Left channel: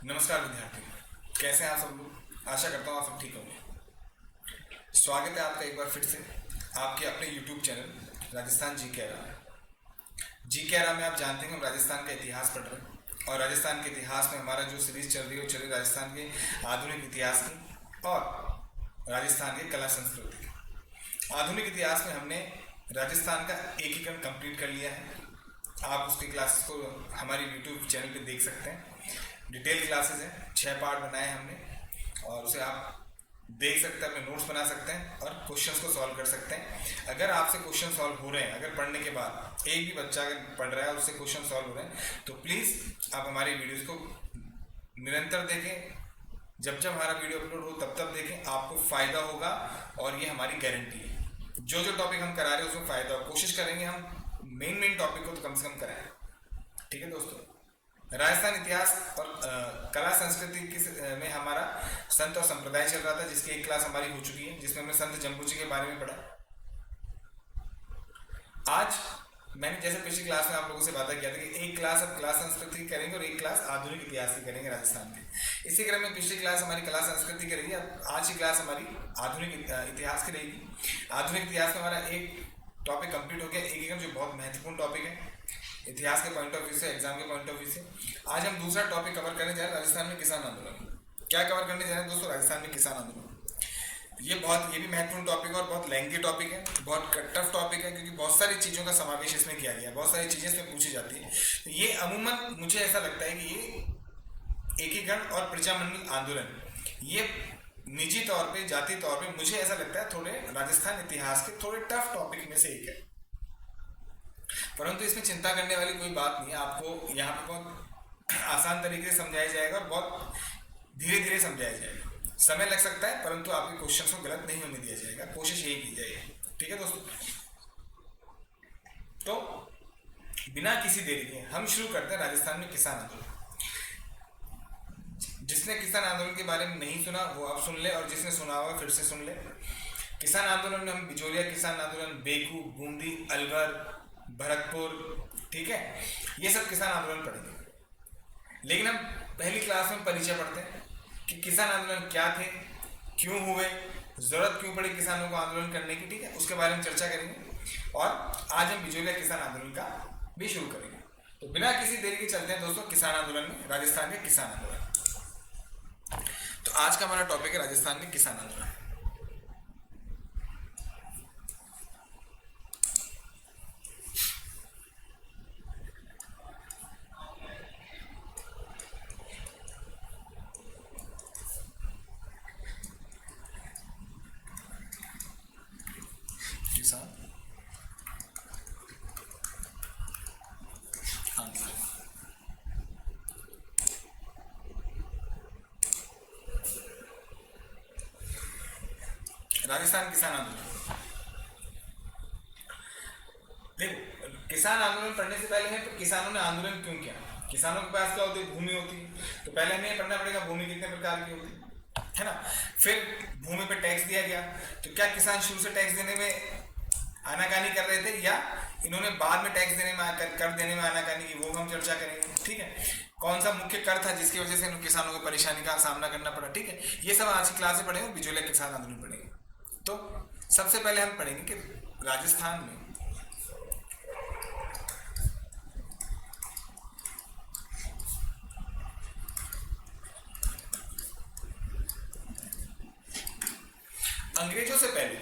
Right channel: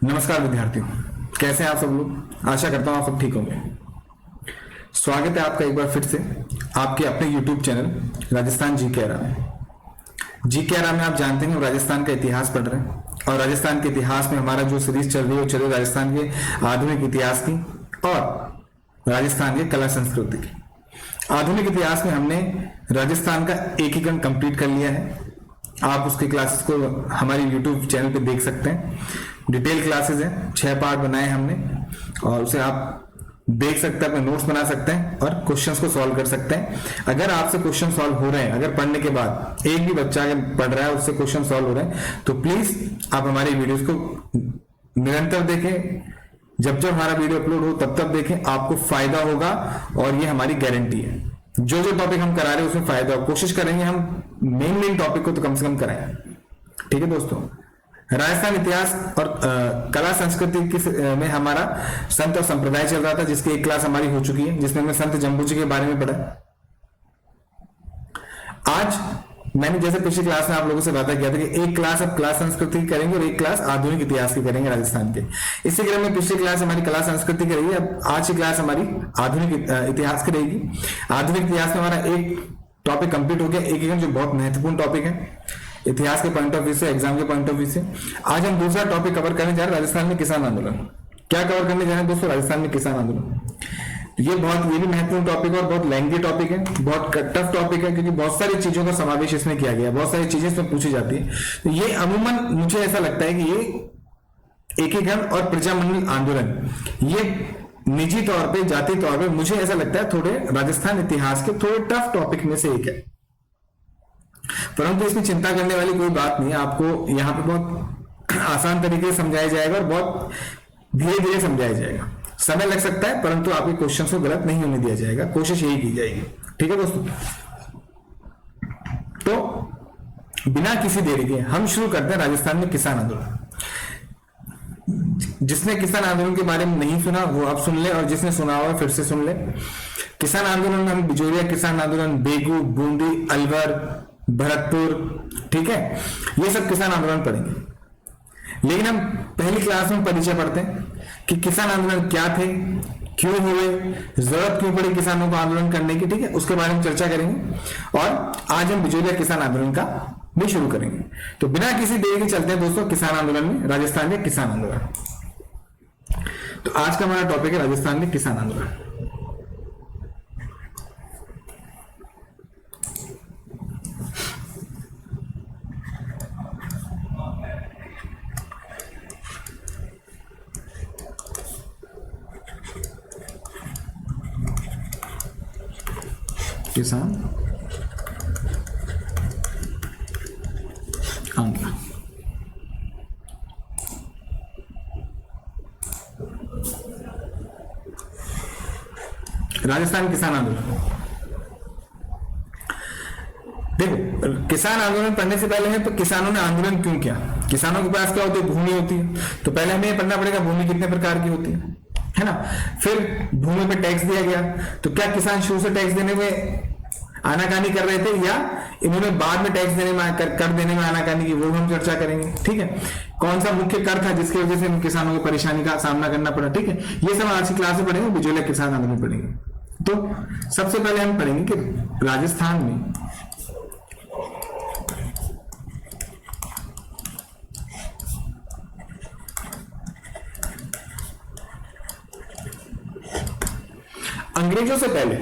नमस्कार विद्यार्थियों, कैसे हैं आप सब लोग। आशा करता हूं आप सब ठीक होंगे। स्वागत है आपका एक बार फिर से आपके अपने YouTube चैनल राजस्थान जीके आरा में। जीके आरा में आप जानते हैं हम राजस्थान का इतिहास पढ़ रहे हैं और राजस्थान के इतिहास में हमारा जो सीरीज चल रही है वो चल रही है राजस्थान के आधुनिक इतिहास की और राजस्थान के कला संस्कृति की। आधुनिक इतिहास में हमने राजस्थान का एकीकरण कंप्लीट कर लिया है। आप उसके क्लासेस को हमारे YouTube चैनल पे देख सकते हैं। डिटेल क्लासेस हैं, 6 पार्ट बनाए हमने और उसे आप देख सकते हैं, अपने नोट्स बना सकते हैं और क्वेश्चंस को सॉल्व कर सकते हैं। अगर आपसे क्वेश्चन सॉल्व हो रहे हैं, अगर पढ़ने के बाद एक भी बच्चा अगर पढ़ रहा है उससे क्वेश्चन सॉल्व हो रहे हैं तो प्लीज आप हमारी वीडियोस को निरंतर देखें। जब जब हमारा वीडियो अपलोड हो तब तब देखें, आपको फायदा होगा और ये हमारी गारंटी है। जो जो टॉपिक हम करा रहे हैं उसमें फायदा हो, कोशिश करेंगे हम मेन टॉपिक को तो कम से कम कराएं। ठीक है दोस्तों, राजस्थान इतिहास और कला संस्कृति में हमारा संत और संप्रदाय चल रहा था, जिसकी एक क्लास हमारी हो चुकी है, जिसमें हमने संत जम्बू जी के बारे में पढ़ा। आज मैंने जैसे पिछली क्लास में आप लोगों से वादा किया था कि एक क्लास अब कला संस्कृति की करेंगे और एक क्लास आधुनिक इतिहास की करेंगे राजस्थान के। इसी क्रम में पिछली क्लास हमारी कला संस्कृति की रही है, अब आज की क्लास हमारी आधुनिक इतिहास की रहेगी। आधुनिक इतिहास में हमारा एक टॉपिक कंप्लीट हो गया, एक जो बहुत महत्वपूर्ण टॉपिक है इतिहास के पॉइंट ऑफ व्यू से, एग्जाम के पॉइंट ऑफ व्यू से। आज हम दूसरा टॉपिक कवर करने जा रहे हैं, राजस्थान में किसान आंदोलन। क्या कवर करने जा रहे हैं दोस्तों? राजस्थान में किसान आंदोलन। ये भी महत्वपूर्ण टॉपिक है और बहुत लेंथी टॉपिक है, बहुत टफ टॉपिक है, क्योंकि बहुत सारी चीजों का समावेश इसमें किया गया है, बहुत सारी चीजें इसमें पूछी जाती है। तो ये अमूमन मुझे ऐसा लगता है कि ये एकीकरण और प्रजामंडल आंदोलन ये निजी तौर पे, जाति तौर पे मुझे ऐसा लगता है थोड़े राजस्थान इतिहास के थोड़े टफ टॉपिक में से एक है। परंतु इसमें चिंता करने वाली कोई बात नहीं है। आपको यहाँ पे बहुत आसान तरीके से समझाया जाएगा और बहुत धीरे धीरे समझाया जाएगा। समय लग सकता है परंतु आपके क्वेश्चन को गलत नहीं होने दिया जाएगा, कोशिश यही की जाएगी। ठीक है दोस्तों, तो बिना किसी देरी के हम शुरू करते हैं राजस्थान में किसान आंदोलन। जिसने किसान आंदोलन के बारे में नहीं सुना वो अब सुन ले, और जिसने सुना हुआ फिर से सुन ले। किसान आंदोलन में हम बिजोरिया किसान आंदोलन, बेगू, बूंदी, अलवर, भरतपुर, ठीक है, ये सब किसान आंदोलन पढ़ेंगे। लेकिन हम पहली क्लास में परिचय पढ़ते हैं कि किसान आंदोलन क्या थे, क्यों हुए, जरूरत क्यों पड़ी किसानों को आंदोलन करने की। ठीक है, उसके बारे में चर्चा करेंगे और आज हम बिजोरिया किसान आंदोलन का भी शुरू करेंगे। तो बिना किसी देरी के चलते हैं दोस्तों किसान आंदोलन में, राजस्थान के किसान आंदोलन। तो आज का हमारा टॉपिक है राजस्थान में किसान आंदोलन। किसान आंदोलन। राजस्थान किसान आंदोलन, देखो किसान आंदोलन पढ़ने से पहले है तो किसानों ने आंदोलन क्यों किया। किसानों के पास क्या होती है? भूमि होती है। तो पहले हमें ये पढ़ना पड़ेगा भूमि कितने प्रकार की होती है ना। फिर भूमि पे टैक्स दिया गया, तो क्या किसान शुरू से टैक्स देने में आनाकानी कर रहे थे या इन्होंने बाद में टैक्स देने में कर देने में आनाकानी की, वो हम चर्चा करेंगे। ठीक है, कौन सा मुख्य कर था जिसकी वजह से किसानों को परेशानी का सामना करना पड़ा। ठीक है, ये सब आज की क्लास में पढ़ेंगे, बिजोरिया किसान आंदोलन पढ़ेंगे। तो सबसे पहले हम पढ़ेंगे कि राजस्थान में अंग्रेजों से पहले,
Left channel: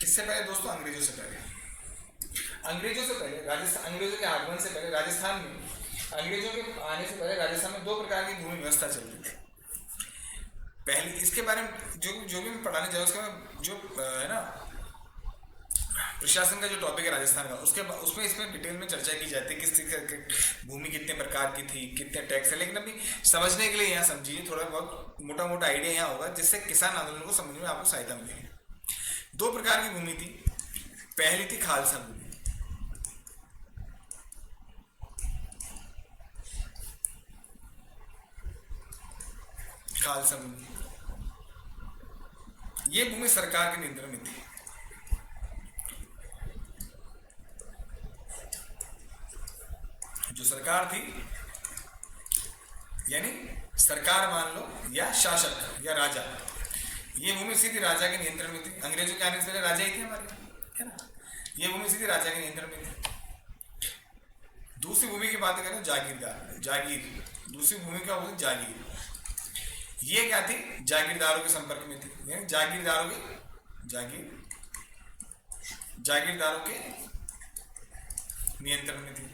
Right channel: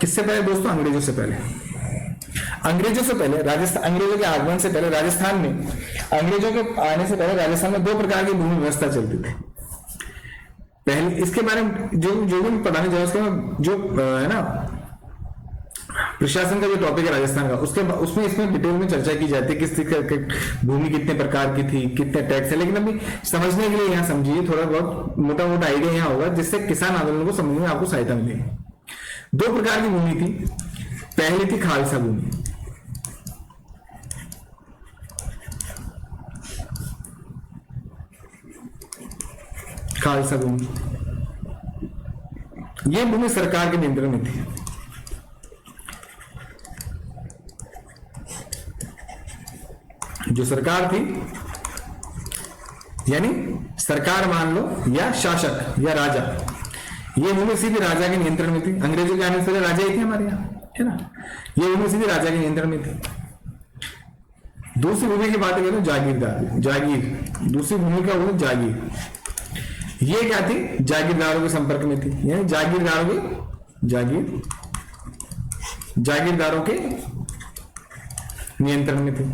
किससे पहले दोस्तों? अंग्रेजों से पहले। अंग्रेजों से पहले राजस्थान, अंग्रेजों के आगमन से पहले राजस्थान में, अंग्रेजों के आने से पहले राजस्थान में 2 प्रकार की भूमि व्यवस्था चलती थी। पहले इसके बारे में जो भी पढ़ाने जा रहा है उसके जो है ना प्रशासन का जो टॉपिक है राजस्थान का, उसमें इसमें डिटेल में चर्चा की जाती है किस भूमि कितने प्रकार की थी, कितने टैक्स है। लेकिन अभी समझने के लिए यहाँ समझिए, थोड़ा बहुत मोटा मोटा आइडिया यहाँ होगा जिससे किसान आंदोलन को समझने में आपको सहायता मिलेगी। 2 प्रकार की भूमि थी। पहली थी खालसा भूमि। खालसा भूमि, यह भूमि सरकार के नियंत्रण में थी। जो सरकार थी यानी सरकार मान लो, या शासक या राजा, ये भूमि सीधी राजा के नियंत्रण में थी। अंग्रेजों के आने से पहले राजा ही थे हमारे यहाँ, है ना। ये भूमि सीधी राजा के नियंत्रण में थी। दूसरी भूमि की बात करें, जागीरदार, जागीर, दूसरी भूमि का वो जागीर, ये क्या थी, जागीरदारों के संपर्क में थी, यानी जागीरदारों के नियंत्रण में थी।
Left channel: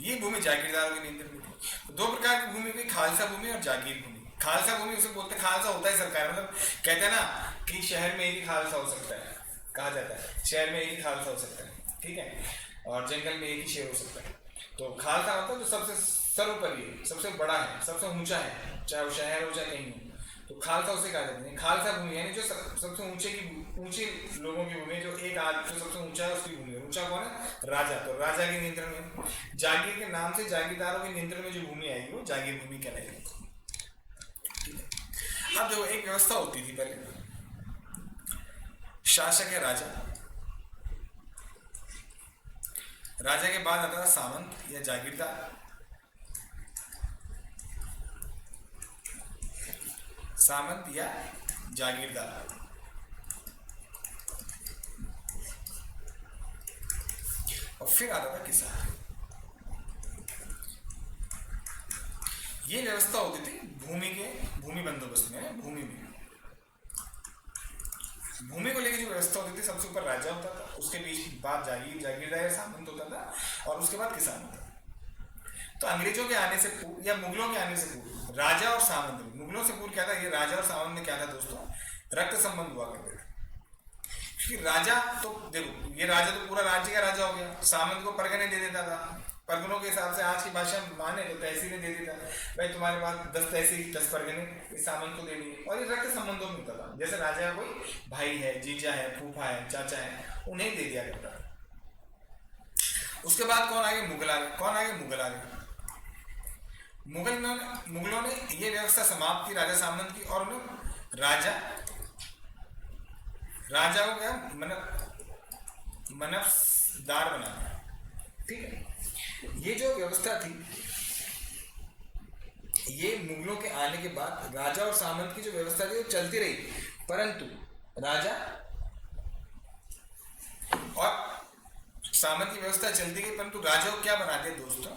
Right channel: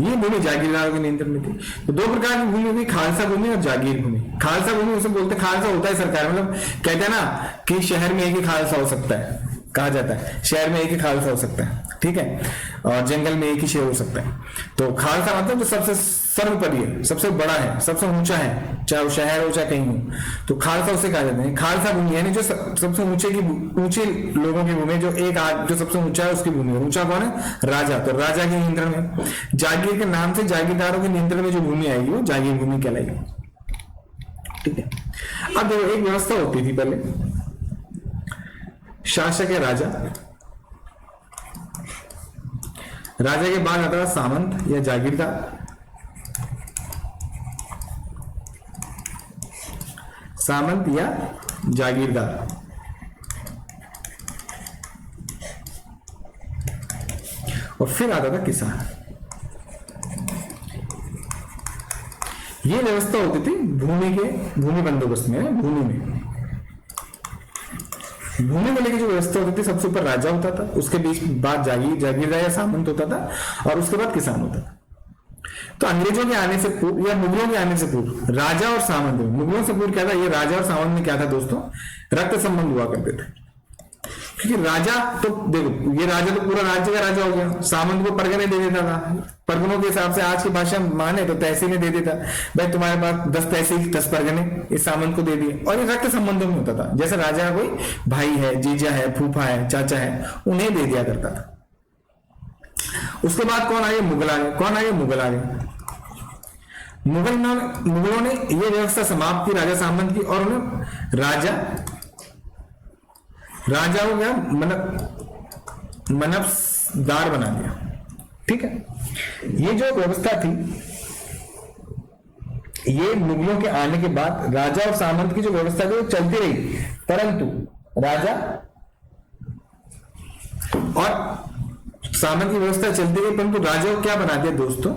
ये भूमि जागीरदारों के नियंत्रण में थी। तो दो प्रकार की भूमि हुई, खालसा भूमि और जागीर भूमि। खालसा भूमि उसे बोलते, खालसा होता है सरकार, मतलब कहते हैं ना कि शहर में एक ही खालसा हो सकता है, कहा जाता है शहर में एक ही खालसा हो सकता है, ठीक है, और जंगल में एक ही शेर हो सकता है। तो खालसा मतलब जो सबसे सर्वोपरि है, सबसे बड़ा है, सबसे ऊंचा है, चाहे वो शहर हो चाहे कहीं हो, तो खालसा उसे कहा जाता है। खालसा भूमि यानी जो सबसे ऊंचे लोगों की भूमि, जो जो सबसे ऊंचा है उसकी भूमि। ऊंचा कौन है, राजा, तो राजा के नियंत्रण में। जागीर के नाम से जागीरदारों के नियंत्रण में जो भूमि आएगी वो जागीर भूमि कहलाएगी, ठीक है। अब देखो, एक व्यवस्था होती थी पहले, शासक है राजा, राजा के बाद आता था सामंत या जागीरदार, सामंत या जागीरदार, और फिर आता था किसान। ये व्यवस्था होती थी भूमि बंदोबस्त में। भूमि को लेकर जो व्यवस्था होती थी, सबसे ऊपर राजा होता था, उसके बीच बाद जागीरदार या सामंत होता था, और उसके बाद किसान होता था। तो अंग्रेजों के आने से पूर्व या मुगलों के आने से पूर्व राजा और सामंत, मुगलों से पूर्व क्या था, ये राजा और सामंत में क्या था दोस्तों, रक्त संबंध हुआ करते थे। क्योंकि राजा तो देखो, ये राजा तो पूरा राज्य का राजा हो गया, सामंत को परगने दे देता था, परगनों के हिसाब से आज की भाषा माने तो तहसीलें दे देता, भाई तुम्हारे पास 10 तहसील 10 परगने इस सामंत को दे दिए। और ये रक्त संबंधों में होता था, जैसे राजा कोई भाई है, जीजा है, फूफा है, चाचा है, उन्हें दे दिया करता था। उसके बाद कौन आए, मुगल आ गए, मुगल आ गए। मुगलों ने यह व्यवस्था समाप्त की राजा सामंत की, और उन्हें राजा को क्या मनफदार बना दिया, ठीक है। ये जो व्यवस्था थी, ये मुगलों के आने के बाद राजा और सामंत की जो व्यवस्था थी वो चलती रही, परंतु राजा और सामंत की व्यवस्था चलती गई, परंतु राजा को क्या बना दिया दोस्तों,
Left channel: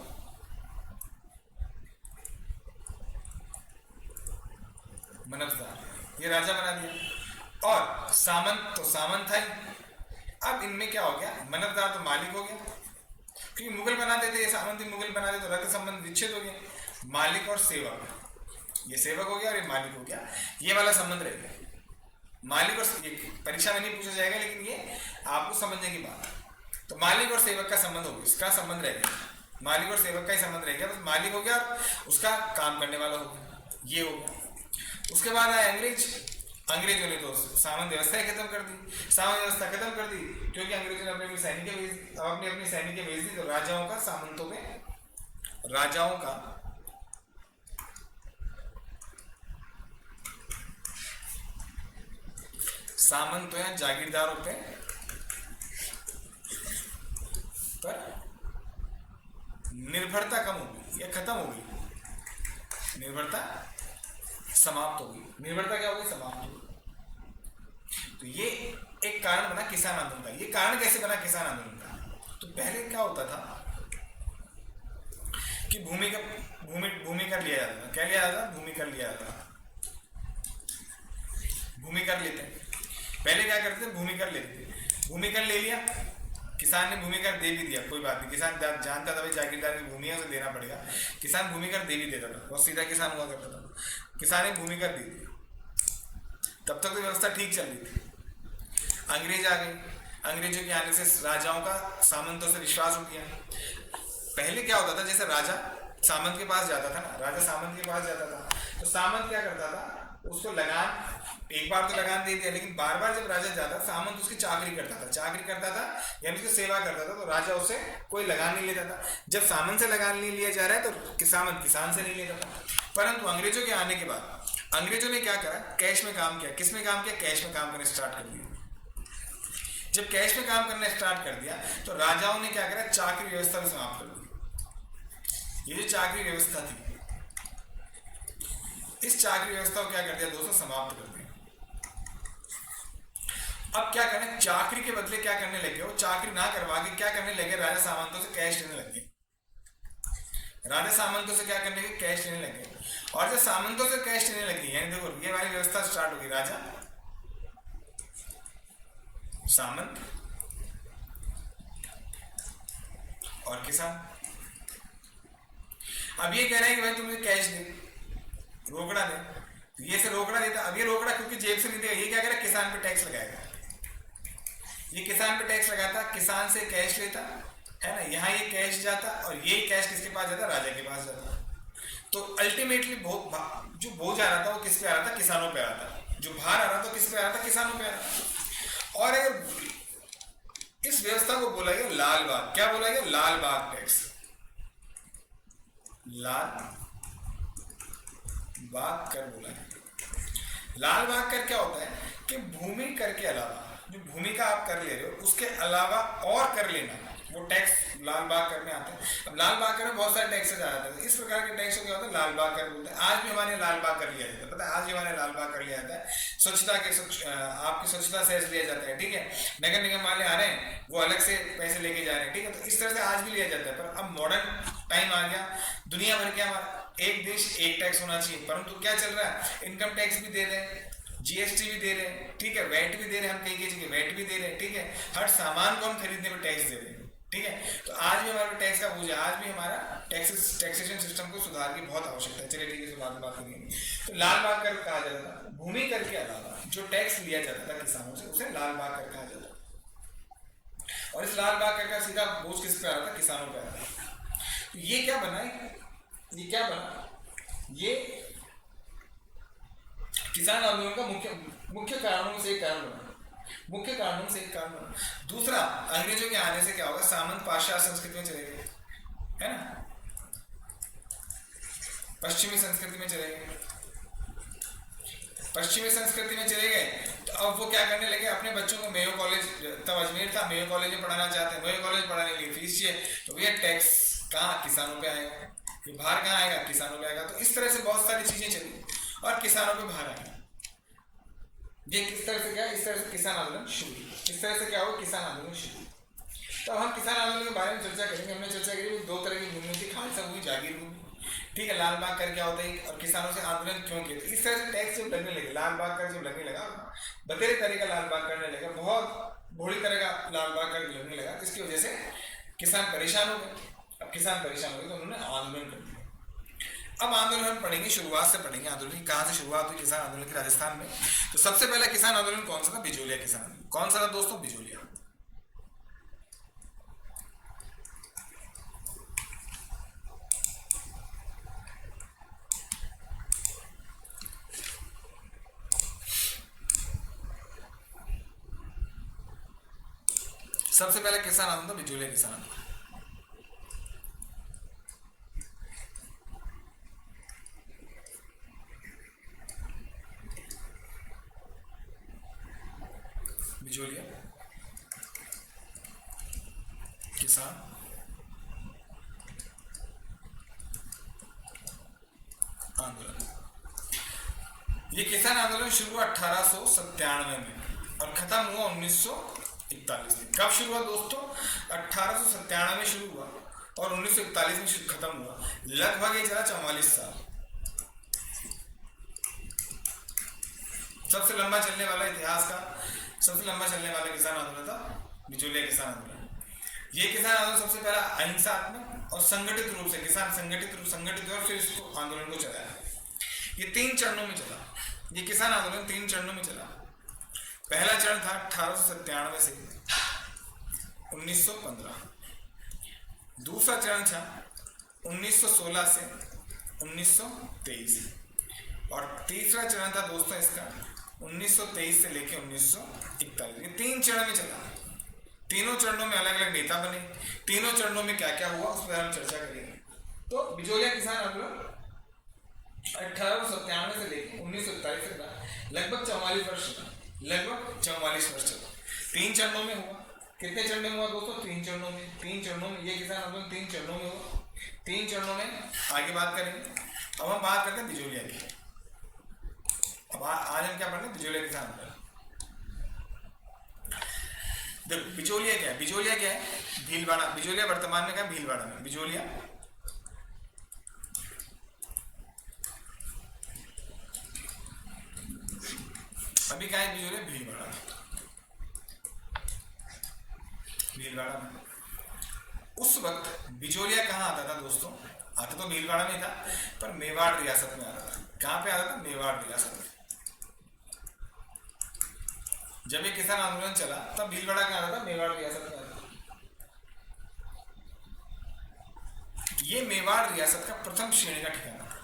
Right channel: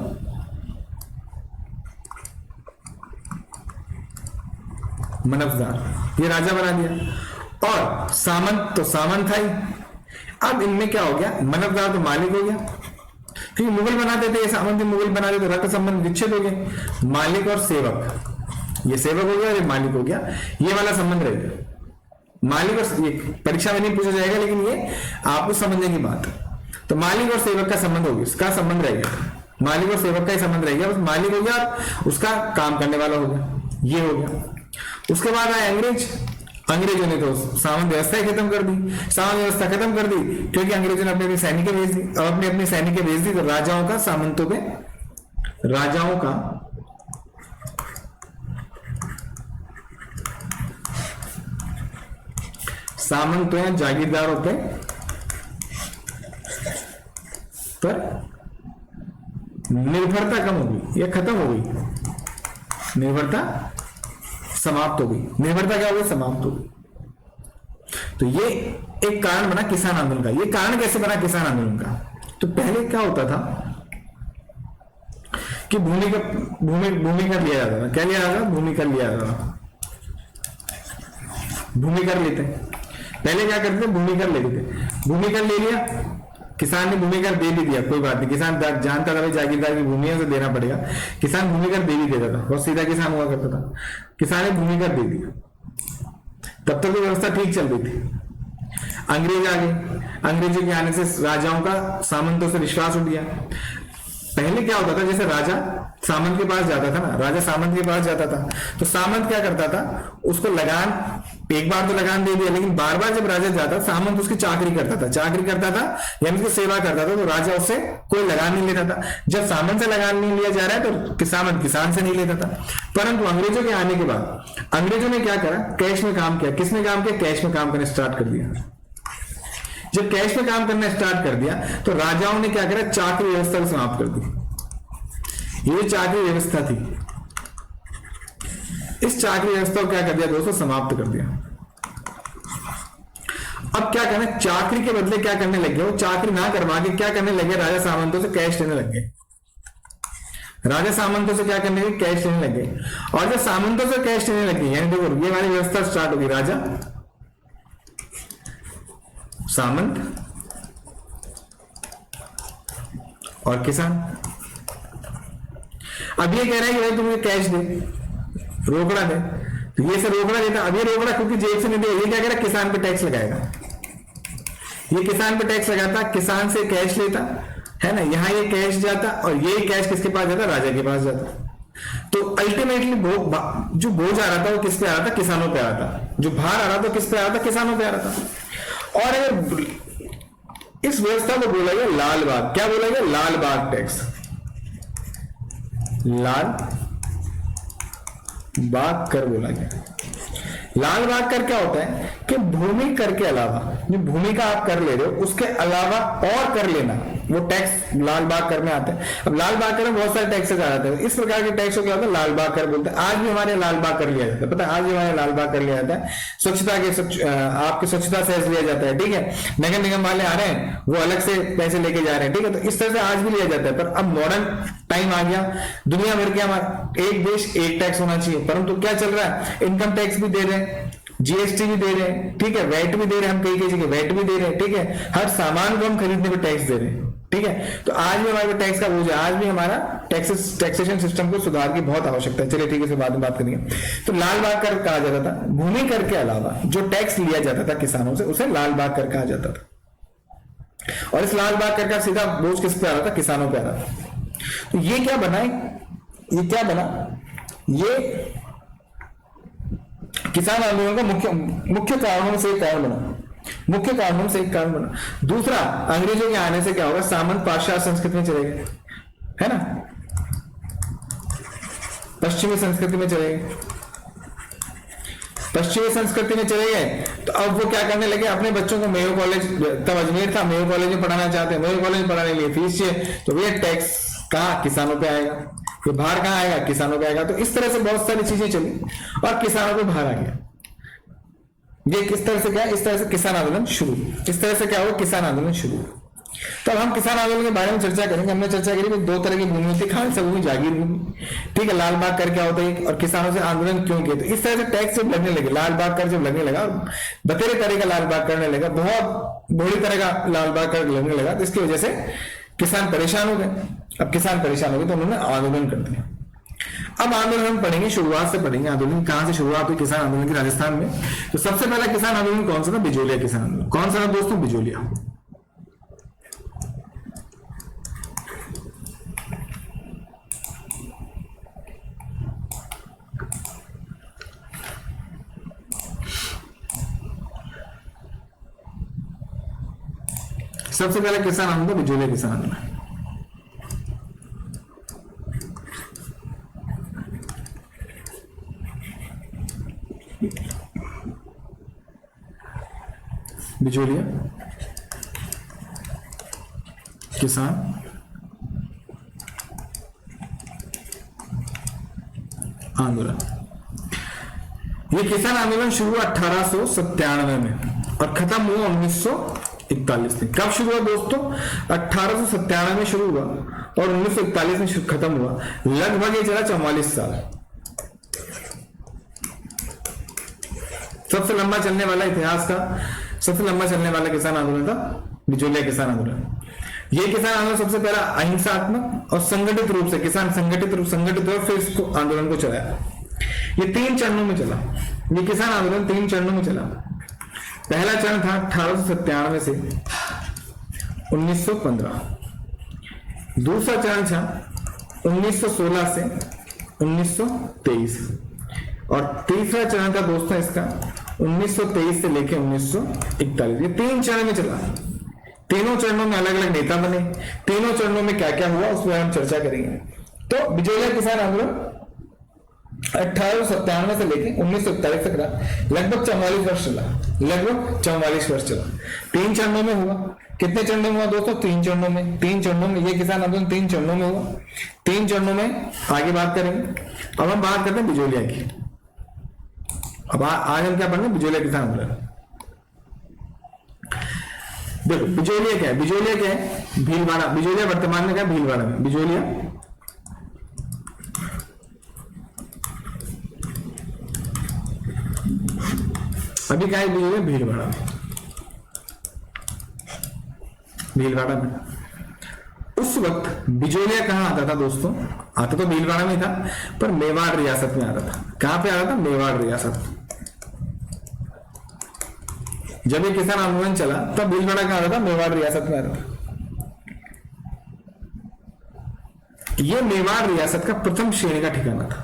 मनफदार, ये राजा बना दिया। और सामंत तो सामंत था ही। अब इनमें क्या हो गया, मनफदार तो मालिक हो गया, क्योंकि मुगल बनाते थे, सामंत मुगल बनाते तो रक्त संबंध विच्छेद हो गए। मालिक और सेवक, ये सेवक हो गया और ये मालिक हो गया, ये वाला संबंध रहेगा। मालिक और, ये परीक्षा में नहीं पूछा जाएगा, लेकिन ये आपको समझने की बात है। तो मालिक और सेवक का संबंध हो गया, इसका संबंध रह गया, मालिक और सेवक का ही संबंध रह गया, बस मालिक हो गया, उसका काम करने वाला हो गया, ये हो गया। उसके बाद आए अंग्रेजों ने तो सामंत व्यवस्था खत्म कर दी। सामंत व्यवस्था खत्म कर दी क्योंकि अंग्रेजों ने अपने सैनिक भेज दी, और अपने सैनिक भेज दी, तो राजाओं का सामंतों पे, राजाओं का सामंतों या जागीरदारों पे पर निर्भरता कम हो गई या खत्म हो गई, निर्भरता समाप्त हो गई। निर्भरता क्या हो गई, समाप्त हो गई। तो ये एक कारण बना किसान आंदोलन का। ये कारण कैसे बना किसान आंदोलन का, तो पहले क्या होता था कि भूमि कर लिया जाता था। क्या लिया जाता था, भूमि कर लिया जाता था, भूमि कर लेते। पहले क्या करते थे, भूमि कर लेते थे। भूमि कर ले लिया, किसान ने भूमि कर दे भी दिया, कोई बात नहीं, किसान जानता था भाई जागीरदार की भूमि है, उसे देना पड़ेगा, किसान भूमि कर दे भी देता था, बहुत सीधा किसान हुआ करता था। किसान ने भूमि कर दे दिया, तब तक तो व्यवस्था ठीक चल रही थी। अंग्रेज आ गए, अंग्रेजों के आने से राजाओं का सामंतों से विश्वास उठ गया। पहले क्या होता था, जैसे राजा सामंत के पास जाता था ना, राजा सामंत के पास जाता था, तो सामंत क्या करता था, उसको लगान, एक बार तो लगान दे दिया, लेकिन बार बार जब राजा जाता, सामंत उसकी चाकरी करता था, यानी उसकी सेवा करता था, तो राजा उससे कोई लगान नहीं लेता था। जब सामंत से लगान नहीं लिया जा रहा है, तो किसान से नहीं लेता था। परंतु अंग्रेजों के आने के बाद अंग्रेजों ने क्या करा, कैश में काम किया। किसमें काम किया, कैश में काम करना स्टार्ट कर दिया। जब कैश में काम करना स्टार्ट कर दिया, तो राजाओं ने क्या करा, चाकरी व्यवस्था को समाप्त कर दी। ये जो चाकरी व्यवस्था थी, इस चाकरी व्यवस्था को क्या कर दिया दोस्तों, समाप्त कर दिया। अब क्या करना, चाकरी के बदले क्या करने लगे, वो चाकरी ना करवा के क्या करने लगे, राजा सामंतों से कैश लेने लगे। राजा सामंतों से क्या करने लगे, कैश लेने लगे। और जब सामंतों से कैश लेने लगे, यानी देखो ये वाली व्यवस्था स्टार्ट होगी, राजा सामंत और किसान। अब ये कह रहा है कि भाई तुम्हें कैश दे, रोकड़ा दे, तो ये से रोकड़ा देता। अब ये रोकड़ा क्योंकि जेब से नहीं देगा, ये क्या करेगा, किसान पे टैक्स लगाएगा। ये किसान पे टैक्स लगाता, किसान से कैश लेता है ना, यहां ये कैश जाता और ये कैश किसके पास जाता, राजा के पास जाता। तो अल्टीमेटली जो बोझ आ रहा था वो किस पे आ रहा था, किसानों पे आ रहा था। जो भार आ रहा था किस पे आ रहा था, किसानों पे आ रहा था। और इस व्यवस्था को बोला गया लाल बाग। क्या बोला गया, लाल बाग टैक्स। लाल बाग कर बोला गया। लाल बाग कर क्या होता है कि भूमि कर के अलावा, जो भूमि का आप कर ले रहे हो उसके अलावा और कर लेना, वो टैक्स लाल बाग कर में आता है। अब लाल बाग कर में बहुत सारे टैक्सेस आ जाते हैं, इस प्रकार के टैक्स को क्या होता है, लाल बाग कर बोलते हैं। आज भी हमारे लाल बाग कर लिया जाता है, पता है, आज भी हमारे लाल बाग कर लिया जाता है। स्वच्छता के आपके स्वच्छता सेस लिया जाता है, ठीक है। नगर निगम वाले आ रहे हैं, वो अलग से पैसे लेके जा रहे हैं, ठीक है। तो इस तरह से आज भी लिया जाता है। पर अब मॉडर्न टाइम आ गया, दुनिया भर के हमारा एक देश एक टैक्स होना चाहिए, परंतु क्या चल रहा है, इनकम टैक्स भी दे रहे हैं, जीएसटी भी दे रहे हैं, ठीक है, वैट भी दे रहे हैं, हम कई जगह वैट भी दे रहे हैं, ठीक है। हर सामान को हम खरीदने पे टैक्स दे रहे हैं, ठीक है। तो आज भी हमारे टैक्स का बोझ है, आज भी हमारा टैक्सेशन सिस्टम को सुधार की बहुत आवश्यकता है। चलिए ठीक है, बाद में बात करेंगे। तो लाल बाग कर कहा जाता था, भूमि कर के अलावा जो टैक्स लिया जाता था किसानों से, उसे लाल बाग कर कहा जाता था। और इस लाल बाग कर का सीधा बोझ किस पे आ रहा था, किसानों पे आ रहा था। तो ये क्या बना, ये क्या बना, ये किसान आंदोलन का मुख्य कारणों से एक कारण बना, मुख्य कारणों से एक कारण बना। दूसरा, अंग्रेजों के आने से क्या होगा, सामंत पाश्चात्य संस्कृति में चले गए, है ना, पश्चिमी संस्कृति में चले गए। पश्चिमी संस्कृति में चले गए तो अब वो क्या करने लगे, अपने बच्चों को मेयो कॉलेज, तब अजमेर था, मेयो कॉलेज में पढ़ाना चाहते हैं, मेयो कॉलेज में पढ़ाने के लिए फीस चाहिए, तो भैया टैक्स कहाँ, किसानों पे आएगा। ये भार कहाँ आएगा, किसानों पे आएगा। तो इस तरह से बहुत सारी चीजें चली और किसानों पे भार आ गया। ये किस तरह से क्या, इस तरह से किसान आंदोलन शुरू, इस तरह से क्या हुआ, किसान आंदोलन शुरू। तो अब हम किसान आंदोलन के बारे में चर्चा करेंगे। हमने चर्चा करी कि दो तरह की भूमि होती है, खालसा भूमि, जागीर भूमि, ठीक है। लाल बाग कर क्या होता है और किसानों से आंदोलन क्यों किया, तो इस तरह से टैक्स जब लगने लगे, लाल बाग कर जब लगने लगा और बतेरे तरह का लाल बाग करने लगा, बहुत बड़ी तरह का लाल बाग कर लगने लगा, तो इसकी वजह से किसान परेशान हो गए। अब किसान परेशान हो गए तो उन्होंने आंदोलन कर दिया। अब आंदोलन हम पढ़ेंगे, शुरुआत से पढ़ेंगे आंदोलन कहां से शुरुआत हुई किसान आंदोलन की राजस्थान में। तो सबसे पहला किसान आंदोलन कौन सा था, बिजोलिया किसान आंदोलन। कौन सा था दोस्तों, बिजोलिया। सबसे पहला किसान आंदोलन था बिजोलिया किसान आंदोलन। बिजोलिया किसान आंदोलन। ये किसान आंदोलन शुरू हुआ 1897 में और खत्म हुआ 1941 में। कब शुरू हुआ दोस्तों, 1897 में शुरू हुआ और 1941 में खत्म हुआ। लगभग ये चला 44 साल। सबसे लंबा चलने वाला इतिहास का सबसे लंबा चलने वाला किसान आंदोलन था बिजोलिया किसान आंदोलन। ये किसान आंदोलन सबसे पहला अहिंसात्मक और संगठित रूप से किसान संगठित रूप से इसको आंदोलन को चलाया। ये 3 चरणों में चला। ये किसान आंदोलन 3 चरणों में चला। पहला चरण था 1897 से 1915। दूसरा चरण था 1916 से 1923 और तीसरा चरण था दोस्तों इसका 1923 से लेकर 1941। ये 3 चरण में चला। तीनों चरणों में अलग अलग नेता बने। तीनों चरणों में क्या क्या हुआ उस पर हम चर्चा करेंगे। तो बिजोलिया किसान आंदोलन 1897 से लेकर 1941 तक रहा। लगभग 44 वर्ष चला। लगभग 44 वर्ष चला। 3 चरणों में हुआ। कितने चरणों में हुआ दोस्तों? 3 चरणों में। 3 चरणों में ये किसान आंदोलन 3 चरणों में हुआ। 3 चरणों में आगे बात करेंगे। अब हम बात करते हैं बिजोलिया की। अब आज हम क्या पढ़ेंगे? बिजोलिया किसान आंदोलन। देखो बिजोलिया क्या है? बिजोलिया क्या है? भीलवाड़ा। बिजोलिया वर्तमान में क्या है? भीलवाड़ा में। बिजोलिया अभी क्या है? बिजोलिया भीलवाड़ा में। भीलवाड़ा में उस वक्त बिजोलिया कहां आता था दोस्तों? आता तो भीलवाड़ा में था, पर मेवाड़ रियासत में आता था। कहां पे आता था? मेवाड़ रियासत। जब ये किसान आंदोलन चला तब भीलवाड़ा कहां आता था? मेवाड़ रियासत में आता था। ये मेवाड़ रियासत का प्रथम श्रेणी का ठिकाना था।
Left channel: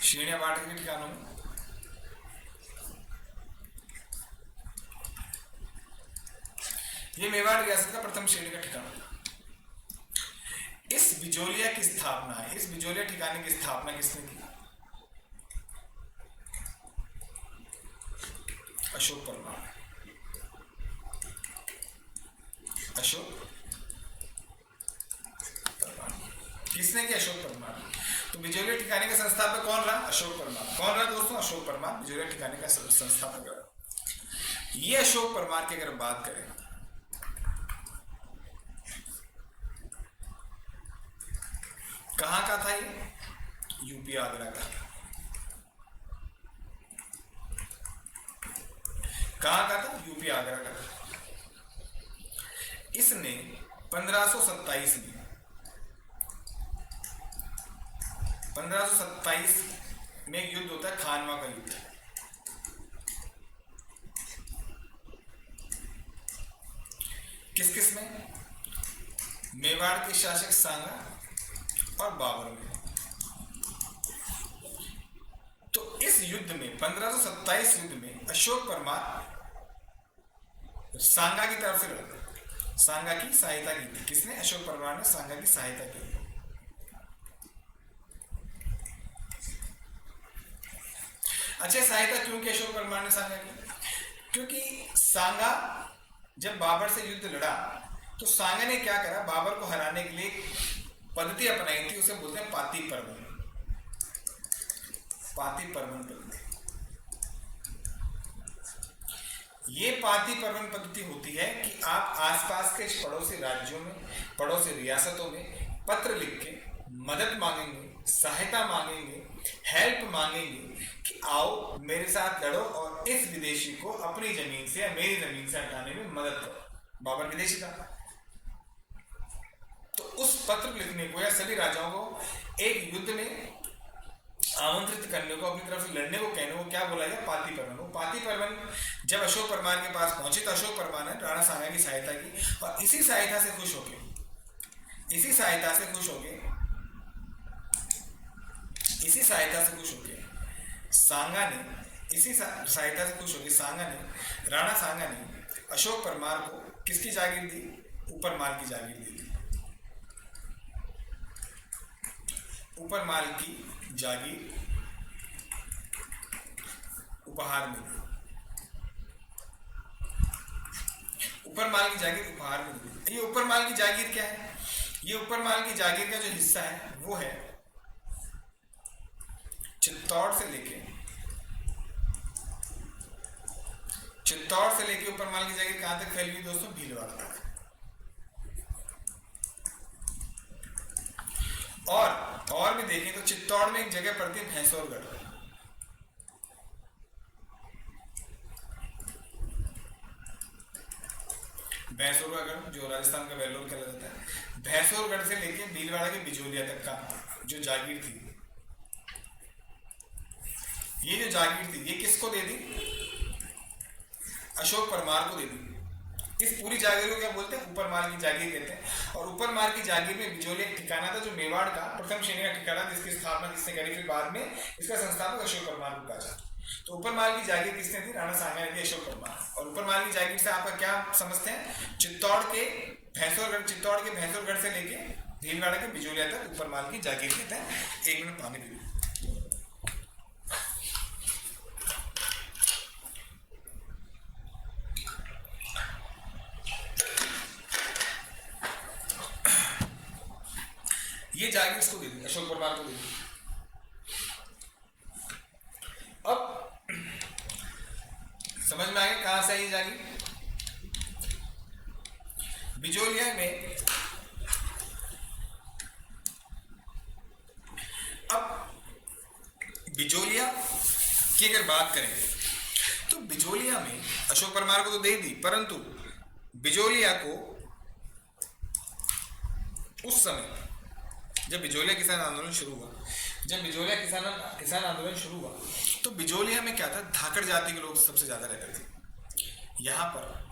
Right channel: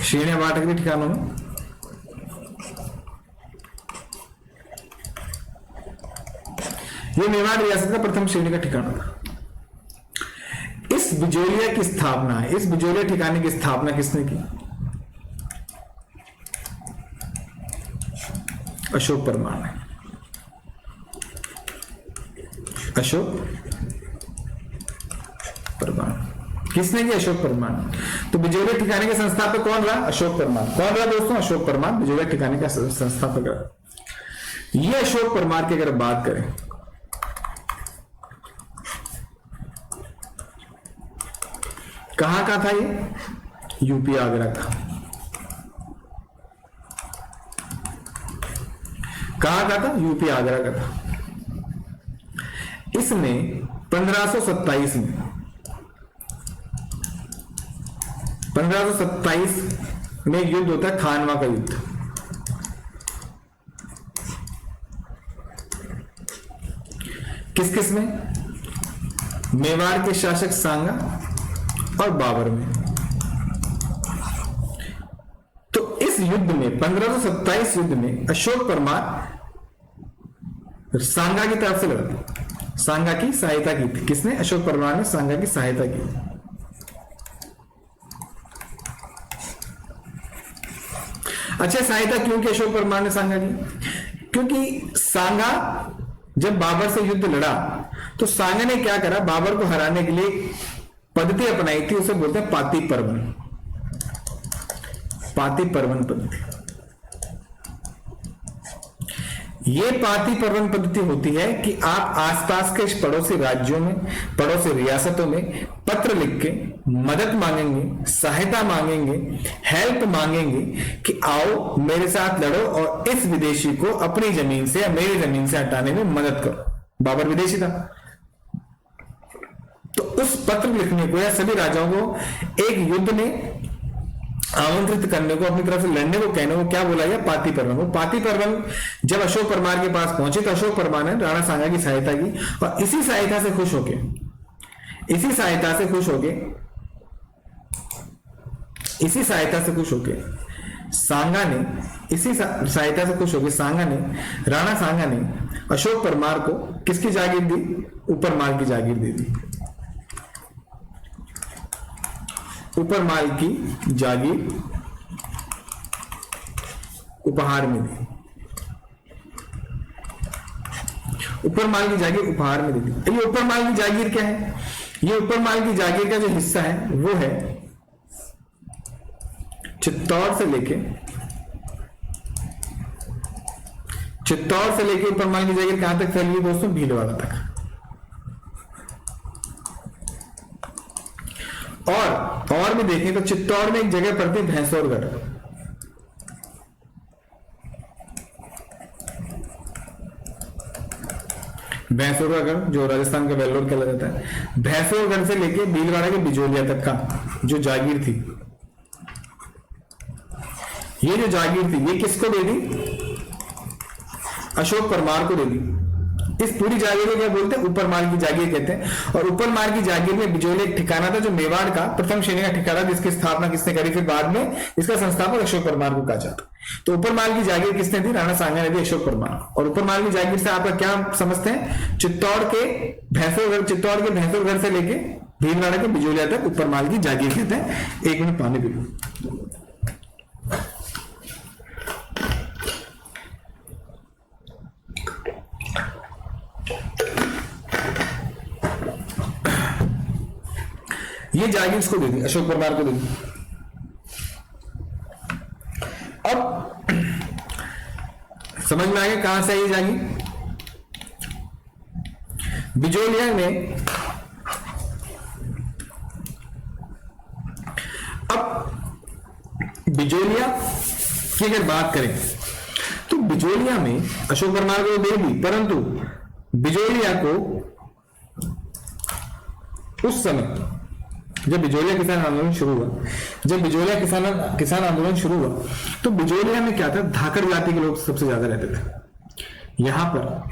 श्रेणियां बांट गई ठिकानों में। ये मेवाड़ रियासत का प्रथम श्रेणी का ठिकाना था। इस बिजोलिया की स्थापना, इस बिजोलिया ठिकाने की स्थापना किसने की? अशोक परमार ने। अशोक परमार किसने किया? अशोक परमार ने। तो बिजोलिया ठिकाने के संस्थापक कौन रहा? अशोक परमार। कौन रहा दोस्तों? अशोक परमार बिजोलिया ठिकाने का संस्थापक रहा। ये अशोक परमार की अगर बात करें, कहां का था ये? यूपी आगरा का। कहां का था? यूपी आगरा का था। इसने 1527 में एक युद्ध होता है, खानवा का युद्ध। किस किस में? मेवाड़ के शासक सांगा और बाबर में। तो इस युद्ध में 1527 युद्ध में अशोक परमार सांगा की तरफ से लड़ा। सांगा की सहायता की थी। किसने? अशोक परमार ने सांगा की सहायता की। अच्छा, सहायता क्यों की अशोक परमार ने सांगा की? क्योंकि सांगा जब बाबर से युद्ध लड़ा तो सांगा ने क्या करा? बाबर को हराने के लिए पद्धति अपनाई थी, उसे बोलते हैं पाती पर्वन। पाती पर्वन पद्धति। ये पाती पर्वन पद्धति होती है कि आप आसपास के पड़ोसी राज्यों में, पड़ोसी रियासतों में पत्र लिख के मदद मांगेंगे, सहायता मांगेंगे, हेल्प मांगेंगे कि आओ मेरे साथ लड़ो और इस विदेशी को अपनी जमीन से या मेरी जमीन से हटाने में मदद करो। बाबर विदेशी था, तो उस पत्र लिखने को या सभी राजाओं को एक युद्ध में आमंत्रित करने को, अपनी तरफ से लड़ने को कहने को क्या बोला गया? पाती पर्वन। वो पाती पर्वन जब अशोक परमार के पास पहुंचे तो अशोक परमार ने राणा सांगा की सहायता की और इसी सहायता से खुश होके राणा सांगा ने अशोक परमार को किसकी जागीर दी? ऊपरमाल की जागीर दे दी। ऊपरमाल की जागीर उपहार में दी। ऊपरमाल की जागीर उपहार में दे दी। ये ऊपरमाल की जागीर क्या है? ये ऊपरमाल की जागीर का जो हिस्सा है वो है चित्तौड़ से लेके ऊपरमाल की जागीर कहां तक फैली हुई दोस्तों? भीलवाड़ा तक। और भी देखें तो चित्तौड़ में एक जगह पड़ती है भैंसोरगढ़। भैंसोरगढ़ जो राजस्थान का वेल्लोर कहला जाता है, भैंसोरगढ़ से लेके भीलवाड़ा के बिजोलिया तक का जो जागीर थी, ये जो जागीर थी ये किसको दे दी? अशोक परमार को दे दी। इस पूरी जागीर को क्या बोलते हैं? ऊपरमाल की जागीर कहते हैं। और ऊपरमाल की जागीर में बिजोलिया एक ठिकाना था जो मेवाड़ का प्रथम श्रेणी का ठिकाना, जिसकी स्थापना किसने करी? फिर बाद में इसका संस्थापक अशोक परमार को कहा जाता। तो ऊपरमाल की जागीर किसने दी? राणा सांगा ने दी, अशोक परमार। और ऊपरमाल की जागीर से आपका क्या समझते हैं? चित्तौड़ के भैंसोरगढ़ से लेके भीलवाड़ा के बिजोलिया तक ऊपरमाल की जागीर कहते हैं। 1 मिनट पानी पी लो। ये जागीर इसको दे दी, अशोक परमार को दे दी। अब समझ में आ गया कहां से ये जागीर? बिजोलिया में बिजोलिया की अगर बात करें तो बिजोलिया में अशोक परमार को दे दी, परंतु बिजोलिया को उस समय जब बिजोलिया किसान आंदोलन शुरू हुआ, जब बिजोलिया किसान आंदोलन शुरू हुआ तो बिजोलिया में क्या था, धाकड़ जाति के लोग सबसे ज्यादा रहते थे। यहां पर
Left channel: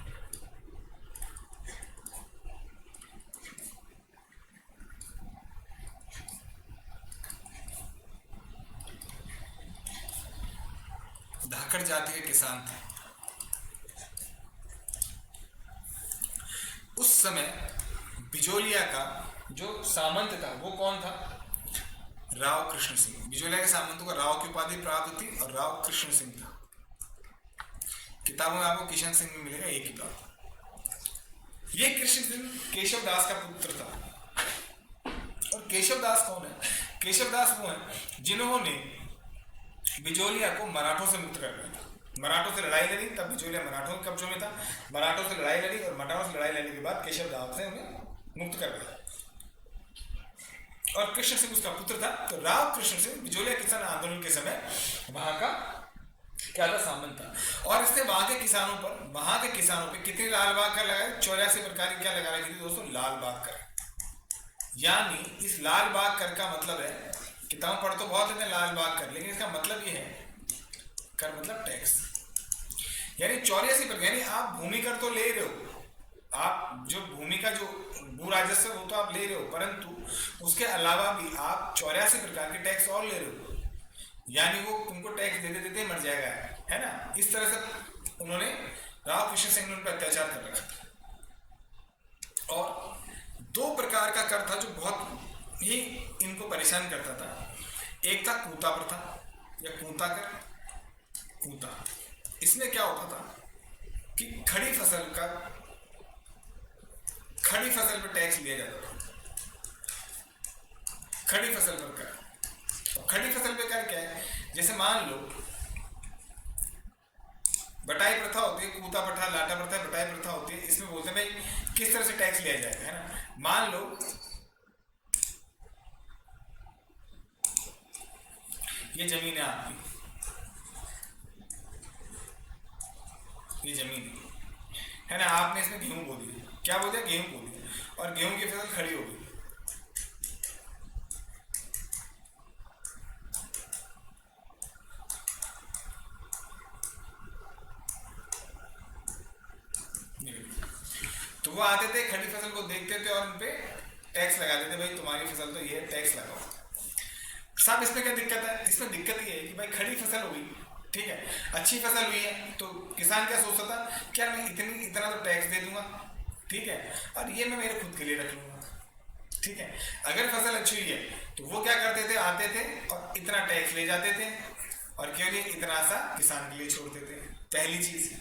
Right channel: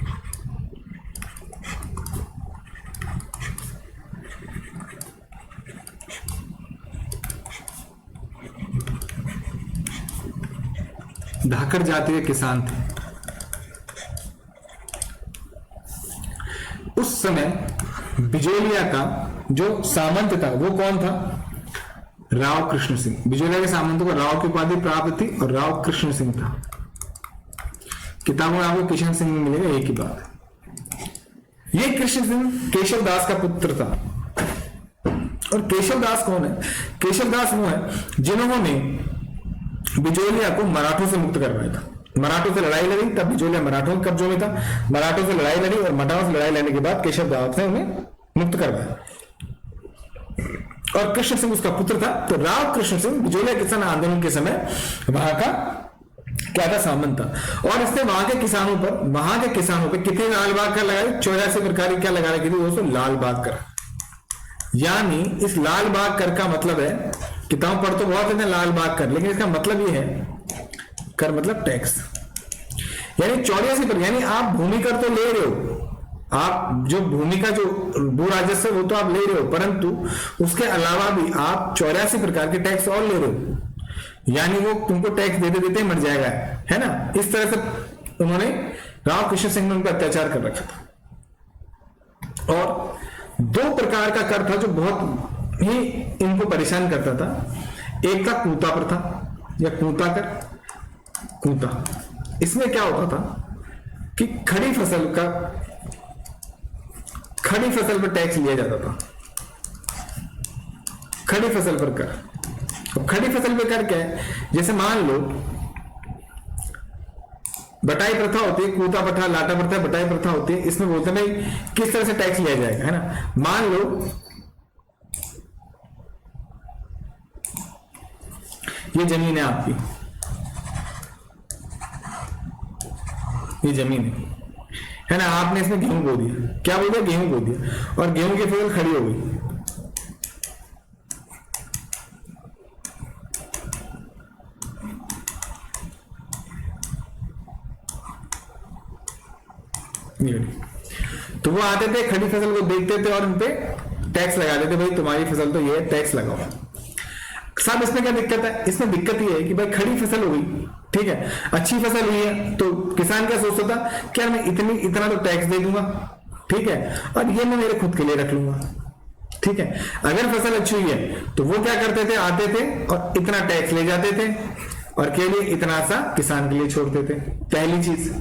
धाकड़ जाति के किसान थे। उस समय बिजोलिया का जो सामंत था वो कौन था? राव कृष्ण सिंह। बिजोलिया के सामंतों को राव की उपाधि प्राप्त थी और राव कृष्ण सिंह था। किताबों में आपको किशन सिंह मिलेगा, एक ही बात। ये कृष्ण सिंह केशव दास का पुत्र था। और केशव दास कौन है? केशव दास वो है जिन्होंने बिजोलिया को मराठों से मुक्त करवाया था। मराठों से लड़ाई लड़ी, तब बिजोलिया मराठों के कब्जों में था। मराठों से लड़ाई लड़ी और मराठों से लड़ाई लड़ने के बाद केशव दास ने उन्हें मुक्त करवाया और कृष्ण सिंह उसका पुत्र था। तो राव कृष्ण सिंह बिजोलिया किसान आंदोलन के समय वहां का क्या था, सामंत था। और इसने वहां के किसानों पर कितने लाल बाग कर लगाए? 84 प्रकार की क्या लगा रखी थी दोस्तों? लाल बाग कर। यानी इस लाल बाग कर का मतलब है, किताब पढ़ तो बहुत है लाल बाग कर, लेकिन इसका मतलब ये है, कर मतलब टैक्स। यानी 84 पर, यानी आप भूमि कर तो ले रहे हो, आप जो भूमि का जो भू राजस्व वो तो आप ले रहे हो, परंतु उसके अलावा भी आप 84 प्रकार के टैक्स और ले रहे हो। यानी वो तुमको टैक्स देते देते मर जाएगा, है ना। इस तरह से उन्होंने राव कृष्ण सिंह ने उन पर अत्याचार कर रखा था। और 2 प्रकार का कर था जो बहुत ही इनको परेशान करता था। एक था कूता प्रथा या कूता कर। कूता, इसमें क्या होता था कि खड़ी फसल पर टैक्स लिया जाता था। खड़ी फसल पर कर। अब खड़ी फसल पर कर क्या है? जैसे मान लो बटाई प्रथा होती है, कूता प्रथा, लाटा प्रथा, बटाई प्रथा होती है। इसमें बोलते हैं भाई किस तरह से टैक्स लिया जाएगा, है ना। मान लो ये जमीन है आपकी, ये जमीन है ना। आपने इसमें गेहूं बो दिया, क्या बोल दिया? गेहूं बो दिया, और गेहूं की फसल खड़ी हो गई। तो वो आते थे, खड़ी फसल को देखते थे और उनपे टैक्स लगा देते, भाई तुम्हारी फसल तो ये टैक्स लगाओ। साहब इसमें क्या दिक्कत है? इसमें दिक्कत ये है कि भाई खड़ी फसल हो गई, ठीक है, अच्छी फसल हुई है, तो किसान क्या सोचता था, क्या मैं इतना तो टैक्स दे दूंगा, ठीक है, और ये मैं मेरे खुद के लिए रख लूंगा, ठीक है। अगर फसल अच्छी हुई है तो वो क्या करते थे, आते थे और इतना टैक्स ले जाते थे और केवल इतना सा किसान के लिए छोड़ते थे। पहली चीज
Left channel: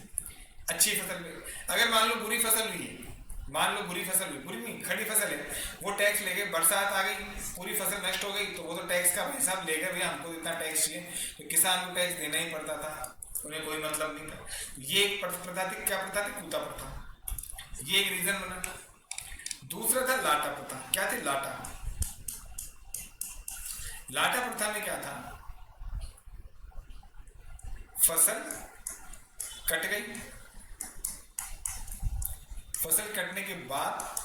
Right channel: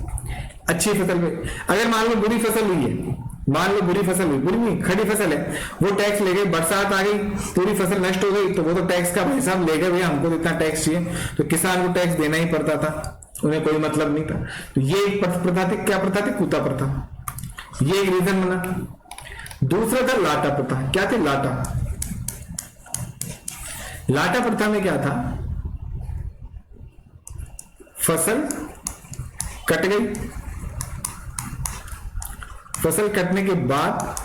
अच्छी फसल पे। अगर मान लो बुरी फसल हुई है, मान लो बुरी फसल हुई, बुरी नहीं, खड़ी फसल है, वो टैक्स ले गए, बरसात आ गई, पूरी फसल नष्ट हो गई, तो वो तो टैक्स का हिसाब ले गए, भैया हमको तो इतना टैक्स चाहिए, तो किसान को टैक्स देना ही पड़ता था, उन्हें कोई मतलब नहीं था। तो ये एक प्रथा थी। क्या प्रथा थी? कूता प्रथा। ये एक रीजन बना। दूसरा था लाटा प्रथा। क्या थी? लाटा। लाटा प्रथा में क्या था, फसल कट गई, फसल कटने के बाद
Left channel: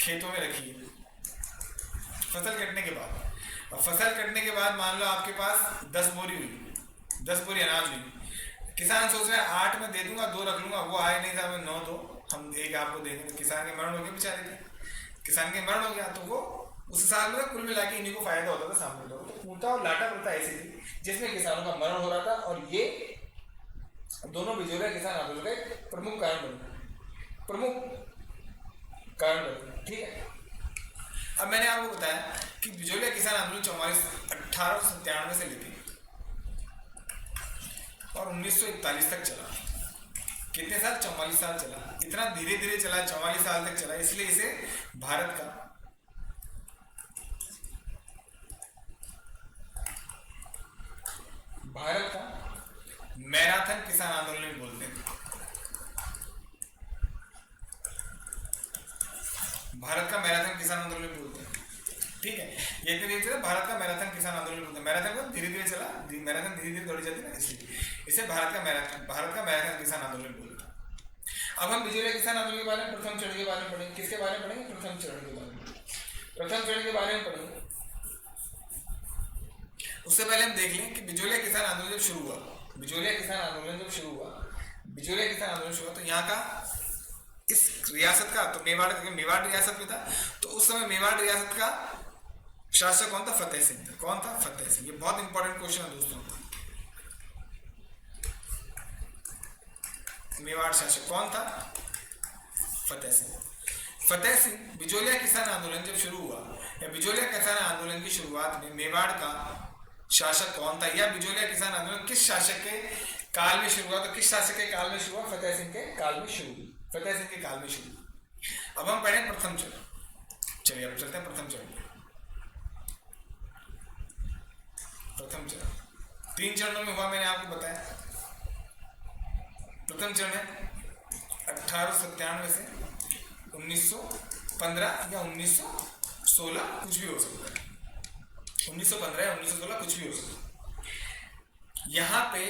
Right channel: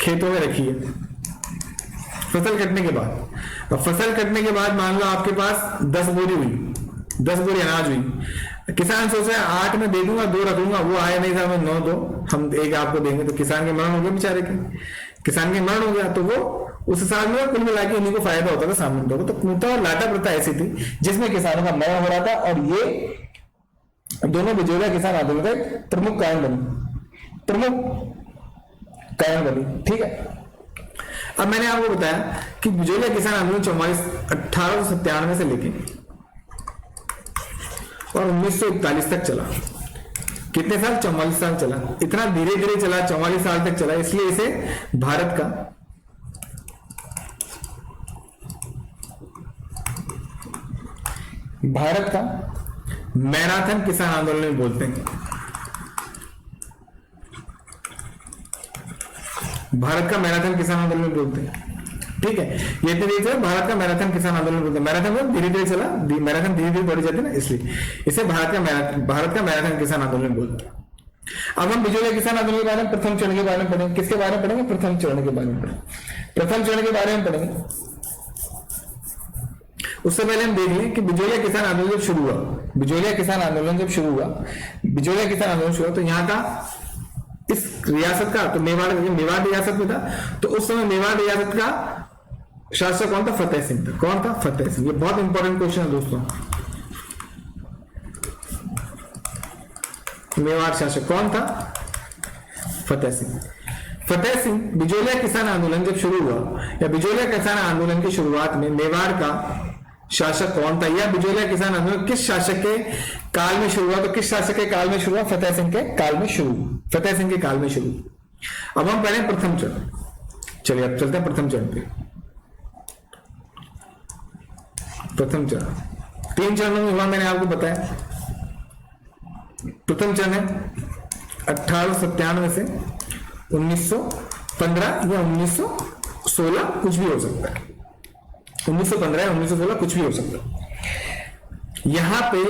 खेतों में रखी है, फसल कटने के बाद। अब फसल कटने के बाद मान लो आपके पास 10 बोरी हुई, 10 बोरी अनाज हुई। किसान सोच रहा है 8 में दे दूंगा, 2 रख लूंगा, वो आया नहीं था, मैं 9 दो, हम 1 आपको देंगे। तो किसान के मरण हो गया बेचारे के, किसान के मरण हो गया, तो वो उस साल में कुल मिला के उन्हीं को फायदा होता था सामंतों को। तो कूता और लाटा प्रथा ऐसी थी जिसमें किसानों का मरण हो रहा था, और ये दोनों बिजोलिया किसान आंदोलन का प्रमुख कारण बनी, ठीक है। अब मैंने आपको बताया कि बिजोलिया किसान आंदोलन 1897 से लेके और 1941 तक चला। कितने साल? 44 साल चला। इतना धीरे धीरे चला, 44 साल तक चला, इसलिए इसे भारत का भारत का मैराथन किसान आंदोलन भी बोलते हैं। भारत का मैराथन किसान आंदोलन बोलते हैं। ठीक है, ये धीरे भारत का मैराथन किसान आंदोलन बोलते हैं। मैराथन धीरे धीरे चला, मैराथन धीरे धीरे बढ़ जाती है ना, इसलिए इसे भारत का मैराथन किसान आंदोलन बोलते हैं। अब हम बिजोलिया किसान आंदोलन के बारे में प्रथम चरण के बारे में पढ़ेंगे। किसके बारे में पढ़ेंगे? प्रथम चरण के बारे में पढ़ेंगे। प्रथम चरण के बारे में पढ़ेंगे। उससे पहले हम देख लें कि बिजोलिया किसान आंदोलन जब शुरू हुआ, बिजोलिया किसान आंदोलन जब शुरू हुआ, बिजोलिया किसान आंदोलन शुरू हुआ तो यहाँ का इस रियासत का, तो मेवाड़ रियासत में था, तो उस समय मेवाड़ रियासत का शासक कौन था? फतेह सिंह था। कौन था? फतेह सिंह। ये बहुत इंपॉर्टेंट क्वेश्चन है दोस्तों। मेवाड़ शासक कौन था? फतेह सिंह। फतेह सिंह बिजोलिया किसान आंदोलन जब शुरू हुआ, या बिजोलिया किसान आंदोलन की शुरुआत में मेवाड़ का शासक कौन था, या बिजोलिया किसान आंदोलन किस शासक के काल में शुरू हुआ? तो किस शासक के काल में शुरू हुआ? फतेह सिंह के काल में शुरू। फतेह सिंह के काल में शुरू। अब हम पढ़े प्रथम चरण। चलिए अब चलते हैं प्रथम चरण पे। प्रथम चरण 3 चरणों में हुआ, मैंने आपको बताया। प्रथम चरण है 1897 से 1915 या 1916, कुछ भी हो सकता है। 1915 या 1916 कुछ भी हो सकता है। यहां पे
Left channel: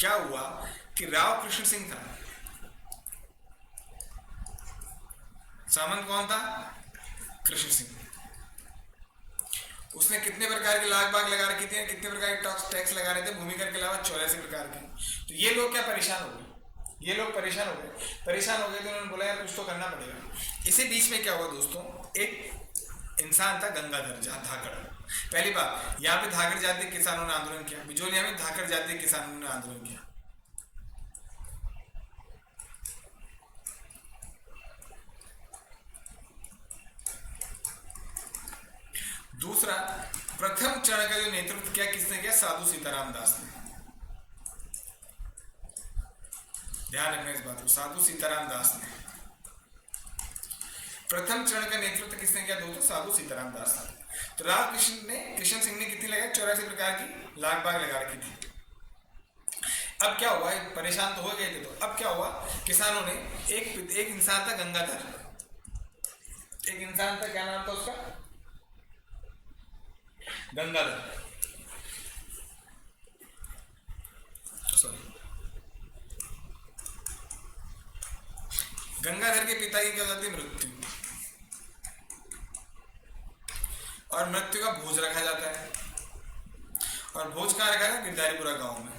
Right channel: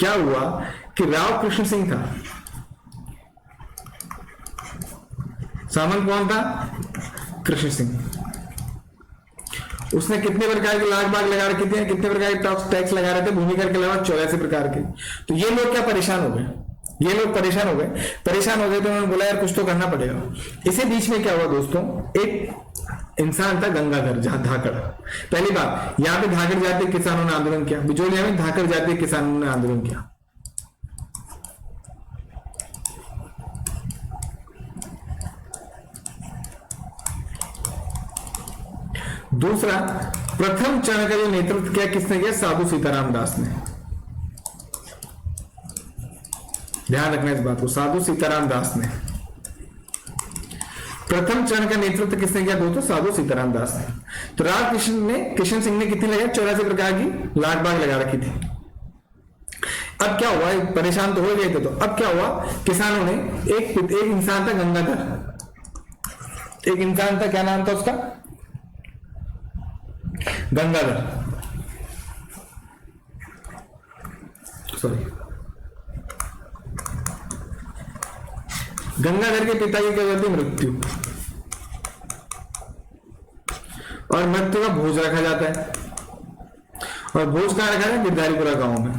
क्या हुआ कि राव कृष्ण सिंह था। सामंत कौन था? कृष्ण सिंह। उसने कितने प्रकार के लाग बाग लगा रखे थे, कितने प्रकार के टैक्स लगा रहे थे? भूमि कर के अलावा 84 प्रकार के। तो ये लोग क्या परेशान हो गए? ये लोग परेशान हो गए तो उन्होंने बोला यार कुछ तो करना पड़ेगा। इसी बीच में क्या हुआ दोस्तों, एक इंसान था गंगाधर धाकड़। पहली बात, यहां पे धाकड़ जाति किसानों ने आंदोलन किया। बिजोलिया में धाकड़ जाति किसानों ने आंदोलन किया। दूसरा, प्रथम चरण का जो नेतृत्व किया किसने किया? साधु सीताराम दास ने। ध्यान रखना इस बात को, साधु सीताराम दास ने। प्रथम चरण का नेतृत्व किसने किया दोस्तों? साधु सीताराम दास ने। तो राव कृष्ण सिंह ने कितनी लगाई? 84 प्रकार की लाग बाग लगा रखी थी। अब क्या हुआ, परेशान तो हो गए थे, तो अब क्या हुआ, किसानों ने एक इंसान था गंगाधर, एक इंसान था, क्या नाम था उसका? गंगाधर, सॉरी, गंगाधर के पिता की क्या होती? मृत्यु। और मृत्यु का भोज रखा जाता है, और भोज कहां रखा है? गिरधारीपुरा गांव में।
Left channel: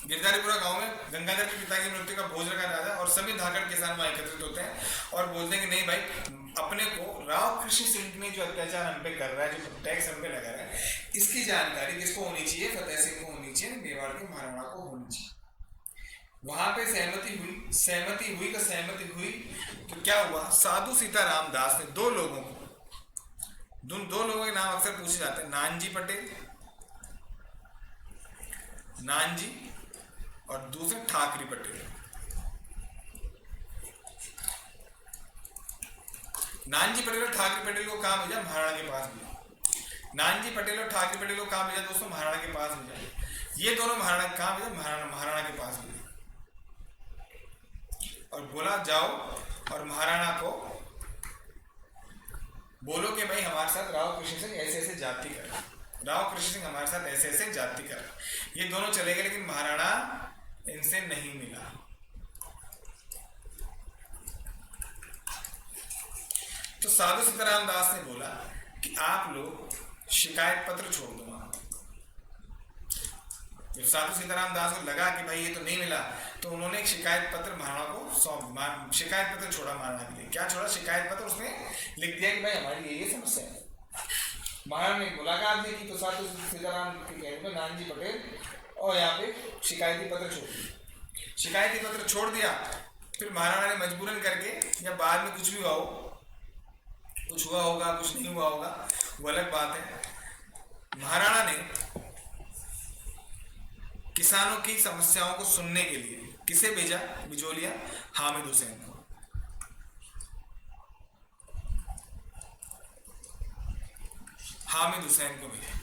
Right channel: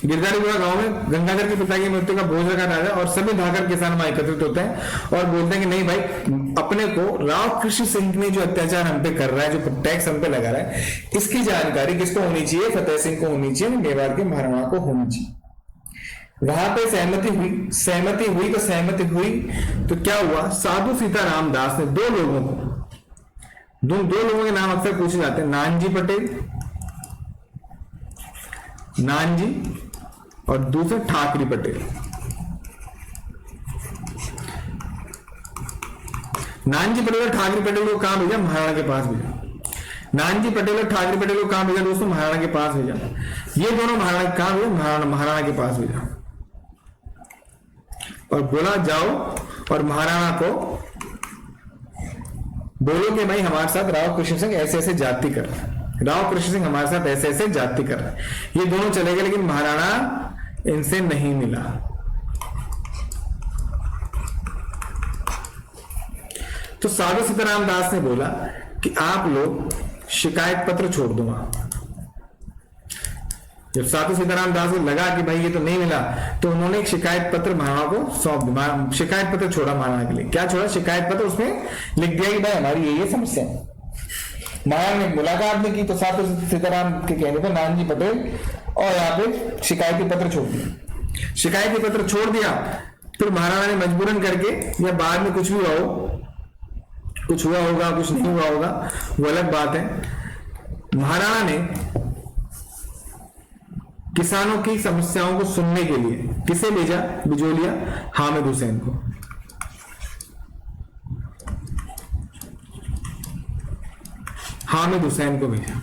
गिरधारीपुरा गांव में गंगाधर के पिता की मृत्यु का भोज रखा जाता है, और सभी धाकड़ किसान वहां एकत्रित होते हैं और बोलते हैं कि नहीं भाई, अपने को राव कृष्ण सिंह ने जो अत्याचार हम पे कर रहा है, जो टैक्स हम पे लगा रहा है, इसकी जानकारी किसको होनी चाहिए? फतेह सिंह को होनी चाहिए, मेवाड़ के महाराणा को होनी चाहिए। वहां पे सहमति हुई तो क्या हुआ, साधु सीताराम दास ने दो लोगों के नाम अक्सर पूछे जाते हैं, नानजी पटेल, नानजी, और दूसरे ठाकरी पटेल। नानजी पटेल और ठाकरी पटेल को कहां भेजा? महाराणा के पास भेजा। नानजी पटेल और ठाकरे पटेल को कहां भेजा दोस्तों? महाराणा के पास भेजा। ये दोनों महाराणा कहां भेजा? महाराणा के पास भेजा, और बोला जाओ और महाराणा को बोलो कि भाई हमारे साथ राव कृष्ण सिंह ऐसे ऐसे जाति कर रहा है, राव कृष्ण सिंह हमारे साथ ऐसे ऐसे जाति कर रहा है। ये दोनों चले गए, लेकिन महाराणा इनसे नहीं मिला। तो साधु सीताराम दास ने बोला कि आप लोग शिकायत पत्र छोड़ दो। जब साधु सीताराम दास को लगा कि भाई ये तो नहीं मिला, तो उन्होंने एक शिकायत पत्र महाराणा को सौंप दिया। शिकायत पत्र छोड़ा महाराणा के लिए। क्या छोड़ा? शिकायत पत्र। उसमें लिख दिया कि भाई हमारी ये समस्या है। महाराणा ने मुलाकात नहीं की, तो साधु सीताराम के कहने पर नानजी पटेल और यहाँ पे शिकायती पत्र छोड़ दिया। शिकायती पत्र छोड़ दिया, फिर महाराणा ने मजबूरन करके, या बाद में कुछ भी हुआ हो, कुछ हुआ होगा कुछ नहीं हुआ होगा वो अलग बात है, महाराणा ने किसानों की समस्याओं को सुनने के लिए किसे भेजा? बिजोलिया हामिद हुसैन को। हामिद हुसैन को भेजा।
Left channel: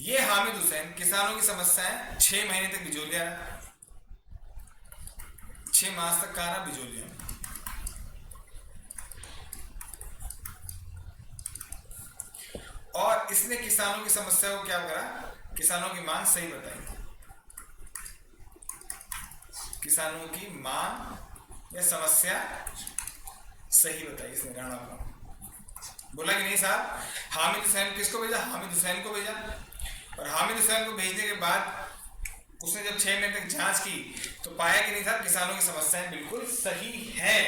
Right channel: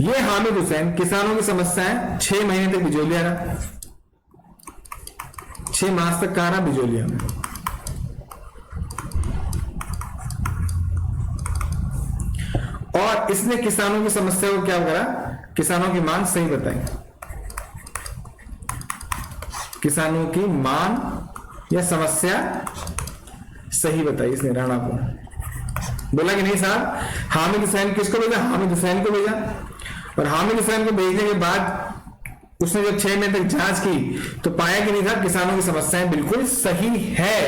ये हामिद हुसैन किसानों की समस्या है, 6 महीने तक बिजोलिया रहा, 6 मास तक कहा रहा बिजोलिया में। और इसने किसानों की समस्या को क्या करा, किसानों की मांग सही बताई, किसानों की मांग या समस्या सही बताई इसने राणा को। बोला कि नहीं साहब, हामिद हुसैन किसको भेजा, हामिद हुसैन को भेजा। और हामिद हुसैन को भेजने के बाद उसने जब 6 महीने तक जांच की तो पाया कि नहीं साहब किसानों की समस्याएं बिल्कुल सही है,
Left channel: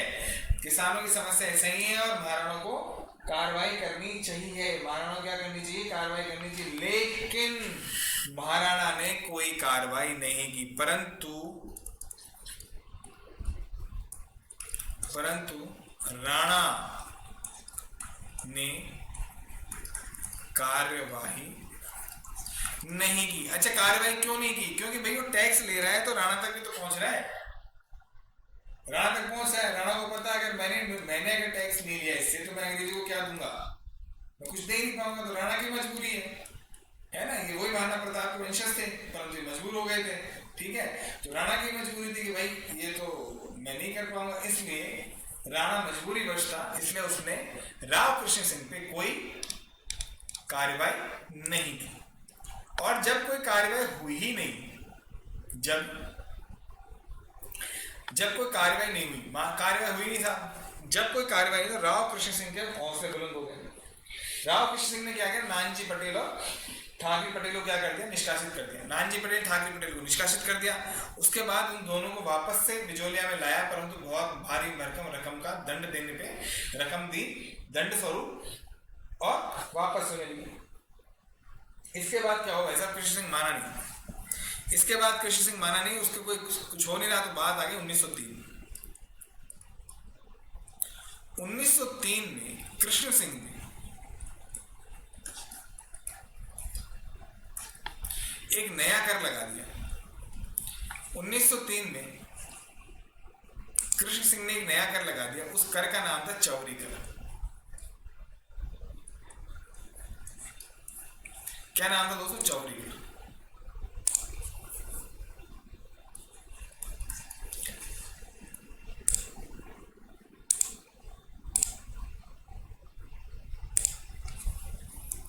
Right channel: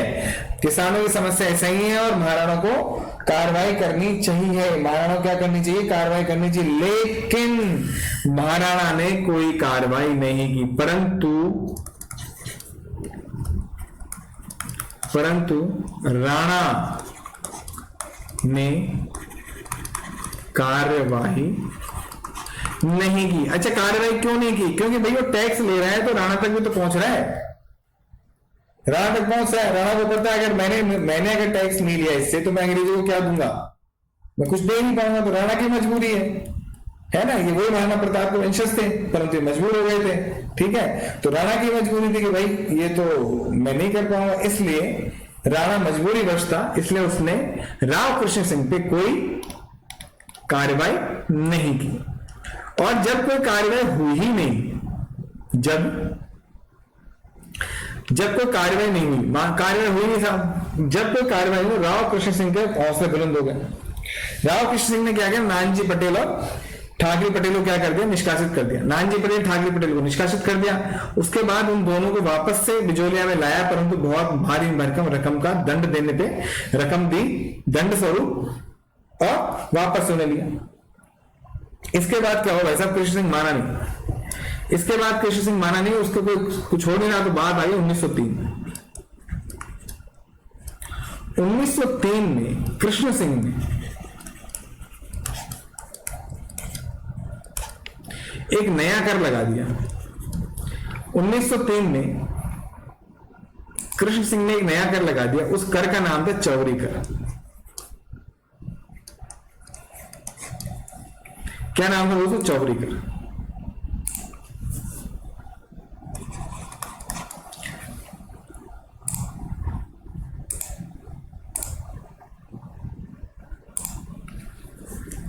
किसानों की समस्या सही है और महाराणा को कार्रवाई करनी चाहिए। महाराणा क्या करनी चाहिए, कार्रवाई करनी चाहिए। लेकिन महाराणा ने कोई कार्रवाई नहीं की, परंतु राणा ने कार्रवाई नहीं की। अच्छा, कार्रवाई क्यों नहीं की, क्योंकि भाई वो टैक्स ले रहा है तो राणा तक भी तो पहुंच रहा है, राणा तक पहुंच रहा है। राणा को पता है अगर मैंने अगर टैक्स नहीं लिया इससे तो मैं अंग्रेजों को क्या दूंगा, मैं कुछ दे नहीं पाऊंगा। तो राणा की मजबूरी है ना, ये वही महाराणा प्रताप के वंशज थे परंतु मजबूर हो गए थे, ठीक है। तो राणा की मजबूरी थी कि भाई ये तो मैं नहीं कर पाऊंगा, इसलिए राणा मजबूरी वश था, इसलिए उसने राव कृष्ण सिंह पे कोई कार्रवाई नहीं की। और जब कोई कार्रवाई हुई ही नहीं, जब कोई कार्रवाई नहीं हुई, कार्रवाई हुई नहीं साहब, जब कोई कार्रवाई हुई राव कृष्ण सिंह के हौसले बुलंद हो गए। राव कृष्ण सिंह ने क्या किया, नानजी पटेल और ठाकरे पटेल को क्या कर दिया, निष्कासित कर दिया। नानजी पटेल ठाकरे पटेल को निष्कासित कर दिया। उसके बाद उन दोनों को वापस से बिजोलिया में लाया, परंतु बहुत भारी भरकम रकम का दंड देने पे रकम दी दंड स्वरूप और वापस उन्हें लिया। इसके बाद क्या हुआ भाई साहब, कृष्ण सिंह माना नहीं, इसके बाद कृष्ण सिंह माना नहीं, उसको कोई कुछ हो नहीं रहा तो बात आई 1903। 1903 में कृष्ण सिंह ने एक नया कर लगा दिया। 1903 में कृष्ण सिंह ने एक नया कर लगा दिया, उस कर का नाम था चौरी कर। क्या नाम था दोस्तों, चौरी कर।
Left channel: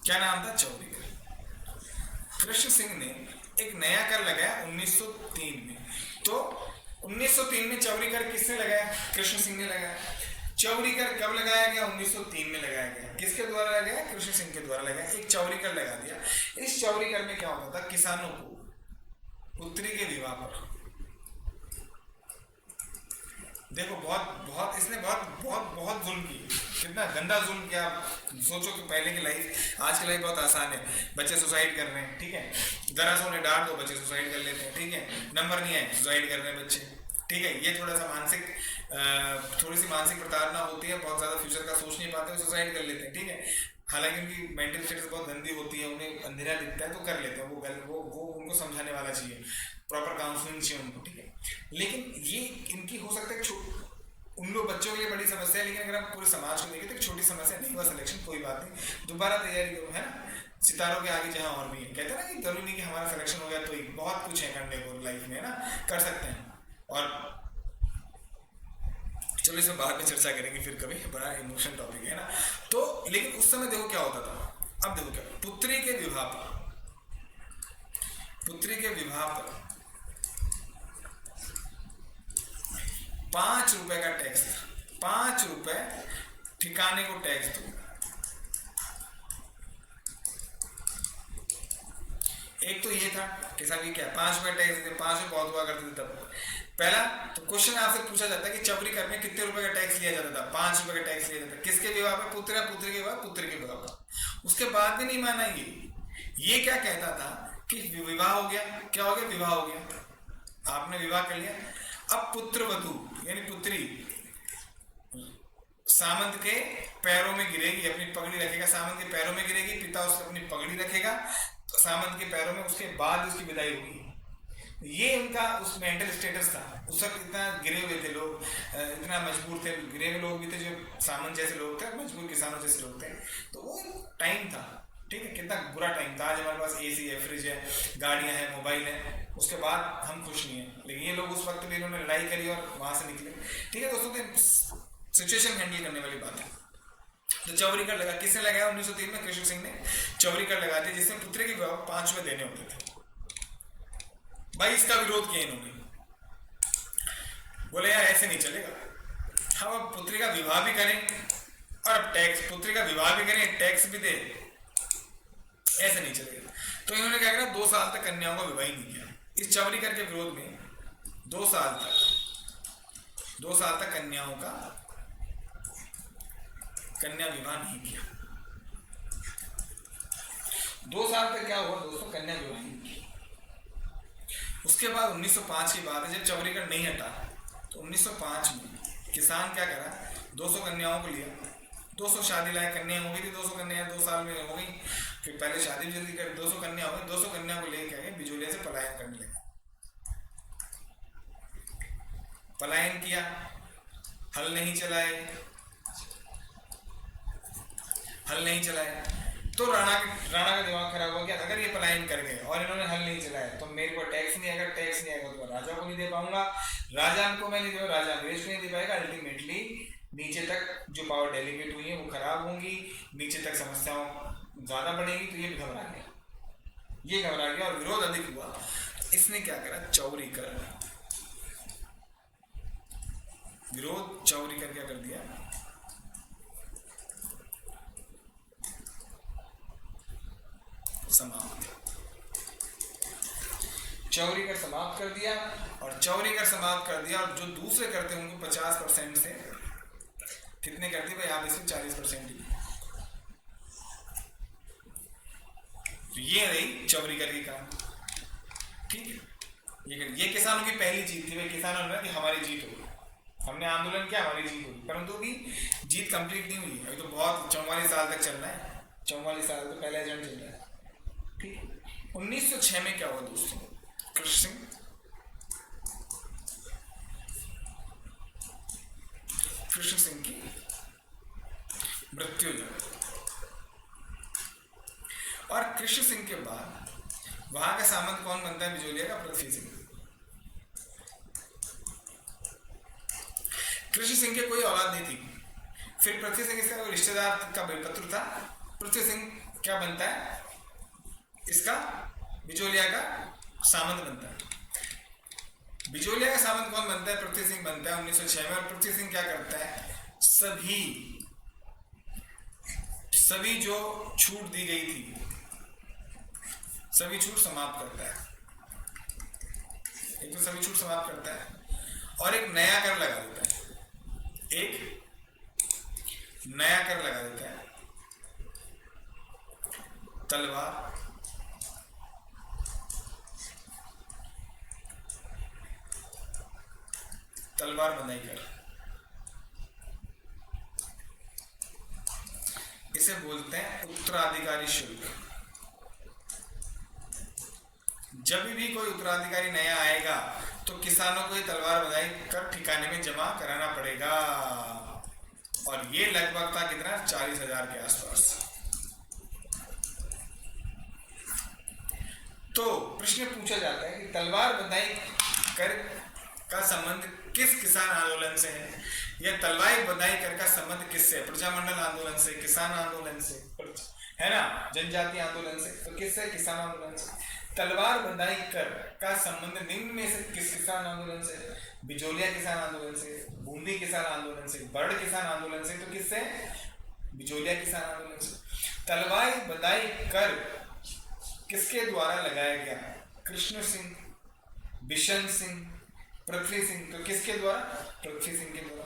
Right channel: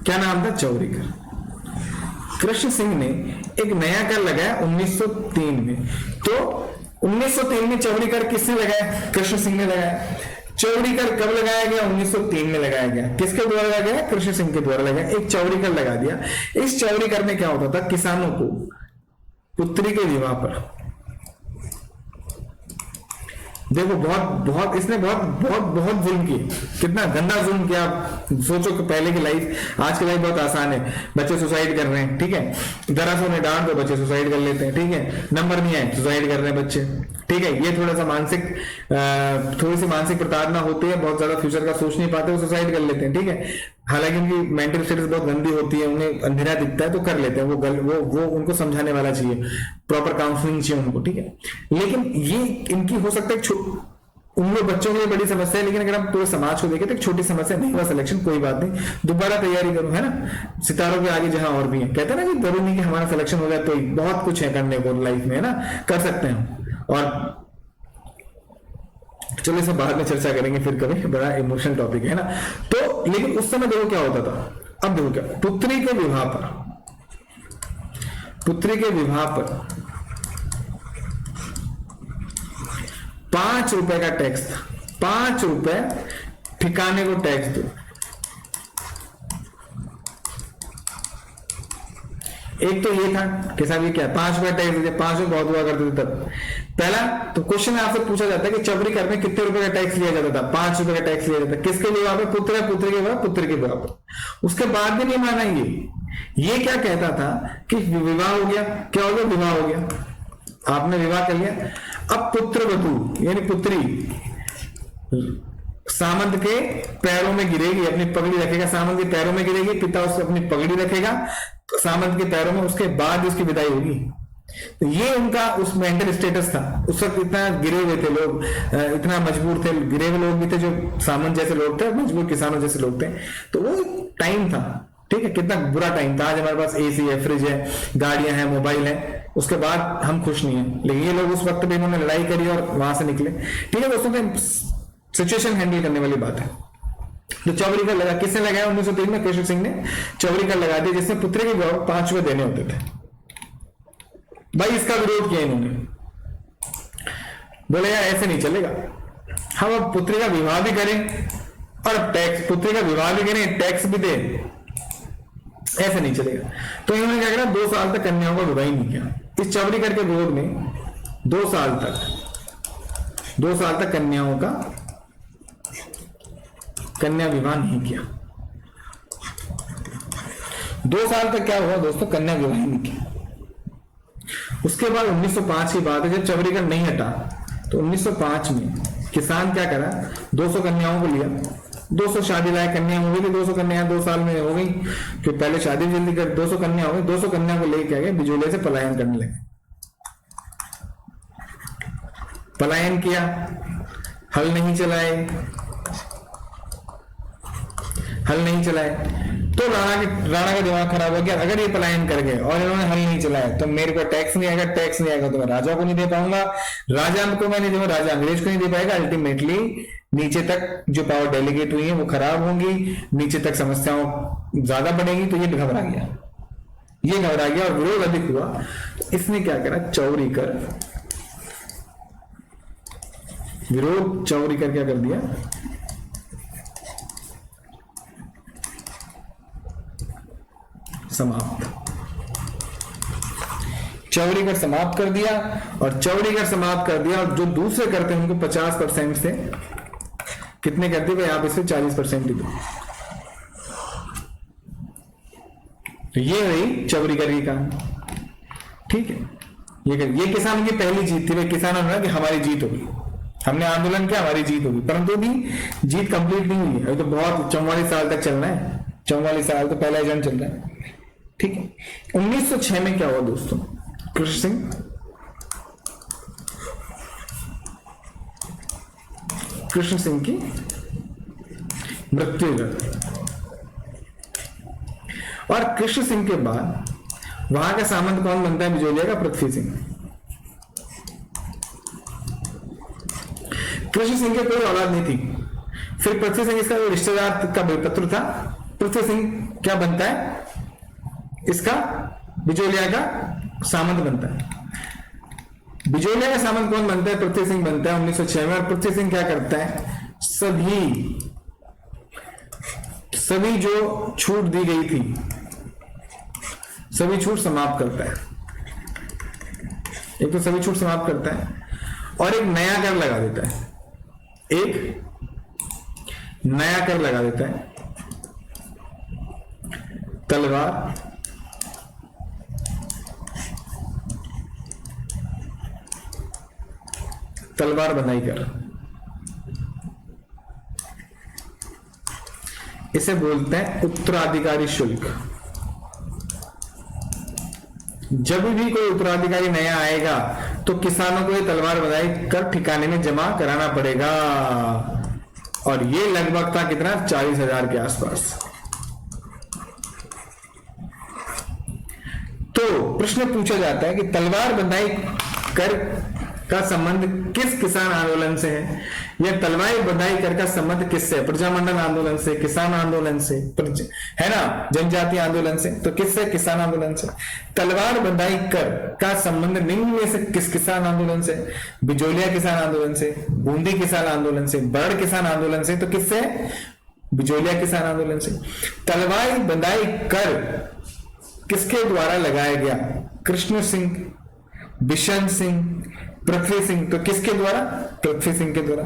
क्या नाम था, चौरी कर। कृष्ण सिंह ने एक नया कर लगाया 1903 में। तो 1903 में चौरी कर किसने लगाया, कृष्ण सिंह ने लगाया। चौरी कर कब लगाया गया, 1903 में लगाया गया। किसके द्वारा लगाया गया, कृष्ण सिंह के द्वारा लगाया। एक चौरी कर लगा दिया। इस चौरी कर में क्या होता था, किसानों को पुत्री के विवाह पर, देखो बहुत इसने बहुत जुल्म किए, कितना गंदा जुल्म किया। आप सोचो कि पहले की लाइफ, आज की लाइफ बहुत आसान है, बच्चे सुसाइड कर रहे हैं, ठीक है, जरा सा उन्हें डांट दो बच्चे सुसाइड कर लेते हैं, ठीक है, नंबर नहीं आए सुसाइड कर रहे हैं बच्चे, ठीक है। ये थोड़ा सा थोड़ी सी मानसिक प्रताड़ना होती है, बहुत ज्यादा फ्यूचर का सोच नहीं पाते, वो सुसाइड कर लेते हैं, ठीक है। हालांकि उनकी मेंटल स्टेटस बहुत गंदी होती है, उन्हें अंधेरा दिखता है तो कर लेते हैं, वो उनको समझाने वाला चाहिए, प्रॉपर काउंसलिंग चाहिए उनको, ठीक है। लेकिन ये इनकी हो सकता है उन लोग बच्चों के लिए बड़ी समस्या है, लेकिन अगर आप पूरे समाज को देखें तो एक छोटी समस्या, नहीं हुआ सिलेक्शन कोई बात नहीं, दोबारा तैयारी करो, है ना। सितारों के आगे जहां और भी है, कहते हैं ना कि जरूरी नहीं कि हमारा सिलेक्शन हो गया तो बहुत कुछ है करने को लाइफ में, है ना, कर सकते हैं। और चलो इसे बाद में चर्चा करेंगे फिर कभी, बड़ा इमोशनल टॉपिक है ना। तो लेकिन उस समय देखो क्या होता था, अब देखो क्या, पुत्री के विवाह पर 5 रुपए का टैक्स था, 5 रुपए ठिकाने को टैक्स दो। एक तो ये था कि साहब ये क्या 5 रुपए टैक्स देते, 5 रुपए बहुत हुआ करते थे तब। पहला तो क्वेश्चन आपसे पूछा जाता है कि चौरी कर में कितने रुपए का टैक्स लिया जाता था, 5 रुपए का टैक्स लिया जाता था, किसके विवाह पे, पुत्र के विवाह पर। उसके बाद भी नहीं माना ये क्या कहता था कि विवाह हो गया, क्या हो गया, विवाह हो गया, आपने विवाह कर लिया, अब पुत्र वधू यानी पुत्री सामंत के पैरों में गिरेगी, अपनी पगड़ी रखेगा, सामंत के पैरों में गिरेगी, पिता उससे अपनी पगड़ी रखेगा सामंत के पैरों में, उसके बाद उसकी विदाई होगी। तो ये उनका उस मेंटल स्टेटस था। उस वक्त इतना गिरे हुए थे लोग, इतना मजबूर थे, गिरे हुए लोग भी थे जो सामंत जैसे लोग थे, मजबूर किसानों जैसे लोग थे। तो वो टाइम था, ठीक है, कितना बुरा टाइम था। आज हमारे पास एसी है, फ्रिज है, गाड़ियां हैं, मोबाइल है, उसके बाद हम खुश नहीं है। लेकिन ये लोग उस वक्त भी इन्होंने लड़ाई करी और वहां से निकले। ठीक है दोस्तों, तो सिचुएशन हैंडल करने वाली बात है। तो चौवरीकर लगा, किसने लगाया 1903 में? कृष्ण सिंह ने चौवरीकर लगा दिया, जिसने पुत्र के गौरव 5 रुपए देने होते थे। भाई इसका विरोध किया इन्होंने, बोले यार ऐसे नहीं चलेगा, हम अब पुत्री का विवाह भी करें और टैक्स, पुत्री का विवाह भी करें, टैक्स भी दे, ऐसे नहीं चलेगा। तो इन्होंने क्या करा, 2 साल तक कन्याओं का विवाह ही नहीं किया। इस चौवरीकर के विरोध में 2 साल तक कन्याओं का कन्या विवाह नहीं किया। 2 साल तक क्या हुआ दोस्तों, कन्या विवाह नहीं किया। उसके बाद 1905 की बात है, जब चौवरीकर नहीं हटा तो 1905 में किसान क्या करा, 200 कन्याओं को लिया, 200 शादी लायक कन्या हो गई थी, 200 कन्या 2 साल में हो गई, कि पहले शादी जल्दी कर, 200 कन्या हो गई। 200 कन्या को लेके गए, बिजोले से पलायन करने लगे। पलायन किया, हल नहीं चलाए, तो राणा का दिमाग खराब हो गया। अगर ये पलायन कर गए और इन्होंने हल नहीं चलाया तो मेरे को टैक्स नहीं आएगा, टैक्स नहीं आएगा तो मैं राजा को नहीं दे पाऊंगा, राजा को मैं नहीं दूंगा, राजा अंग्रेज को नहीं दे पाएगा। अल्टीमेटली नीचे तक जो पावर डेलीगेट हुई है वो खराब होंगी, नीचे तक समस्याओं ज्यादा बढ़ेगी। तो ये घबरा गया और विरोध अधिक हुआ। इसने क्या करा, चौवरीकर क्या कर दिया, चौवरीकर समाप्त कर दिया। और जो दूसरे करते हैं उनको 50% से कितने करते हैं, आप इससे 40% ही दो। तो ये रही चौवरीकर की कहानी, ठीक है। ये किसानों की पहली जीत थी। भाई किसानों ने कि हमारी जीत होगी, हमने आंदोलन किया, हमारी जीत होगी, परंतु भी जीत कंप्लीट नहीं हुई है। अभी तो बहुत 44 साल तक चलना है, 44 साल तो पहला एजेंट चल रहा है, ठीक है। 1906 में क्या हुआ दोस्तों, कृष्ण सिंह की मृत्यु हो गई। और कृष्ण सिंह के बाद वहां का सामंत कौन बनता है बिजोलिया का? पृथ्वी सिंह। कृष्ण सिंह के कोई औलाद नहीं थी। फिर पृथ्वी सिंह इसका रिश्तेदार का बेपत्र था। पृथ्वी सिंह क्या बनता है, इसका बिजोलिया का सामंत बनता है। बिजोलिया का सामंत कौन बनता है? पृथ्वी सिंह बनता है 1906 में। और पृथ्वी सिंह क्या करता है, सभी जो छूट दी गई थी सभी छूट समाप्त करता है। एक तो सभी छूट समाप्त करता है और एक नया कर लगा देता है, तलवार बंधाई कर। इसे बोलते हैं उत्तराधिकारी शुल्क। जब भी कोई उत्तराधिकारी नया आएगा तो किसानों को ये तलवार बंधाई कर ठिकाने में जमा कराना पड़ेगा। और ये लगभग था कितना, 40,000 के आसपास। तो प्रश्न पूछा जाता है कि तलवार बंधाई कर का संबंध किस किसान आंदोलन से है, या तलवार बंधाई कर का संबंध किससे? प्रजामंडल आंदोलन से, किसान आंदोलन से, है ना, जनजातीय आंदोलन से। तो किससे? किसान आंदोलन से। तलवार बंधाई कर का संबंध निम्न में से किस किसान आंदोलन से? बिजोलिया किसान आंदोलन से, बूंदी किसान आंदोलन से, बर्ड किसान आंदोलन से। तो किससे? बिजोलिया किसान आंदोलन से। तलवार बंधाई कर किसके द्वारा लगाया गया? कृष्ण सिंह, बिशन सिंह, पृथ्वी सिंह। तो किसके द्वारा? पृथ्वी सिंह के द्वारा।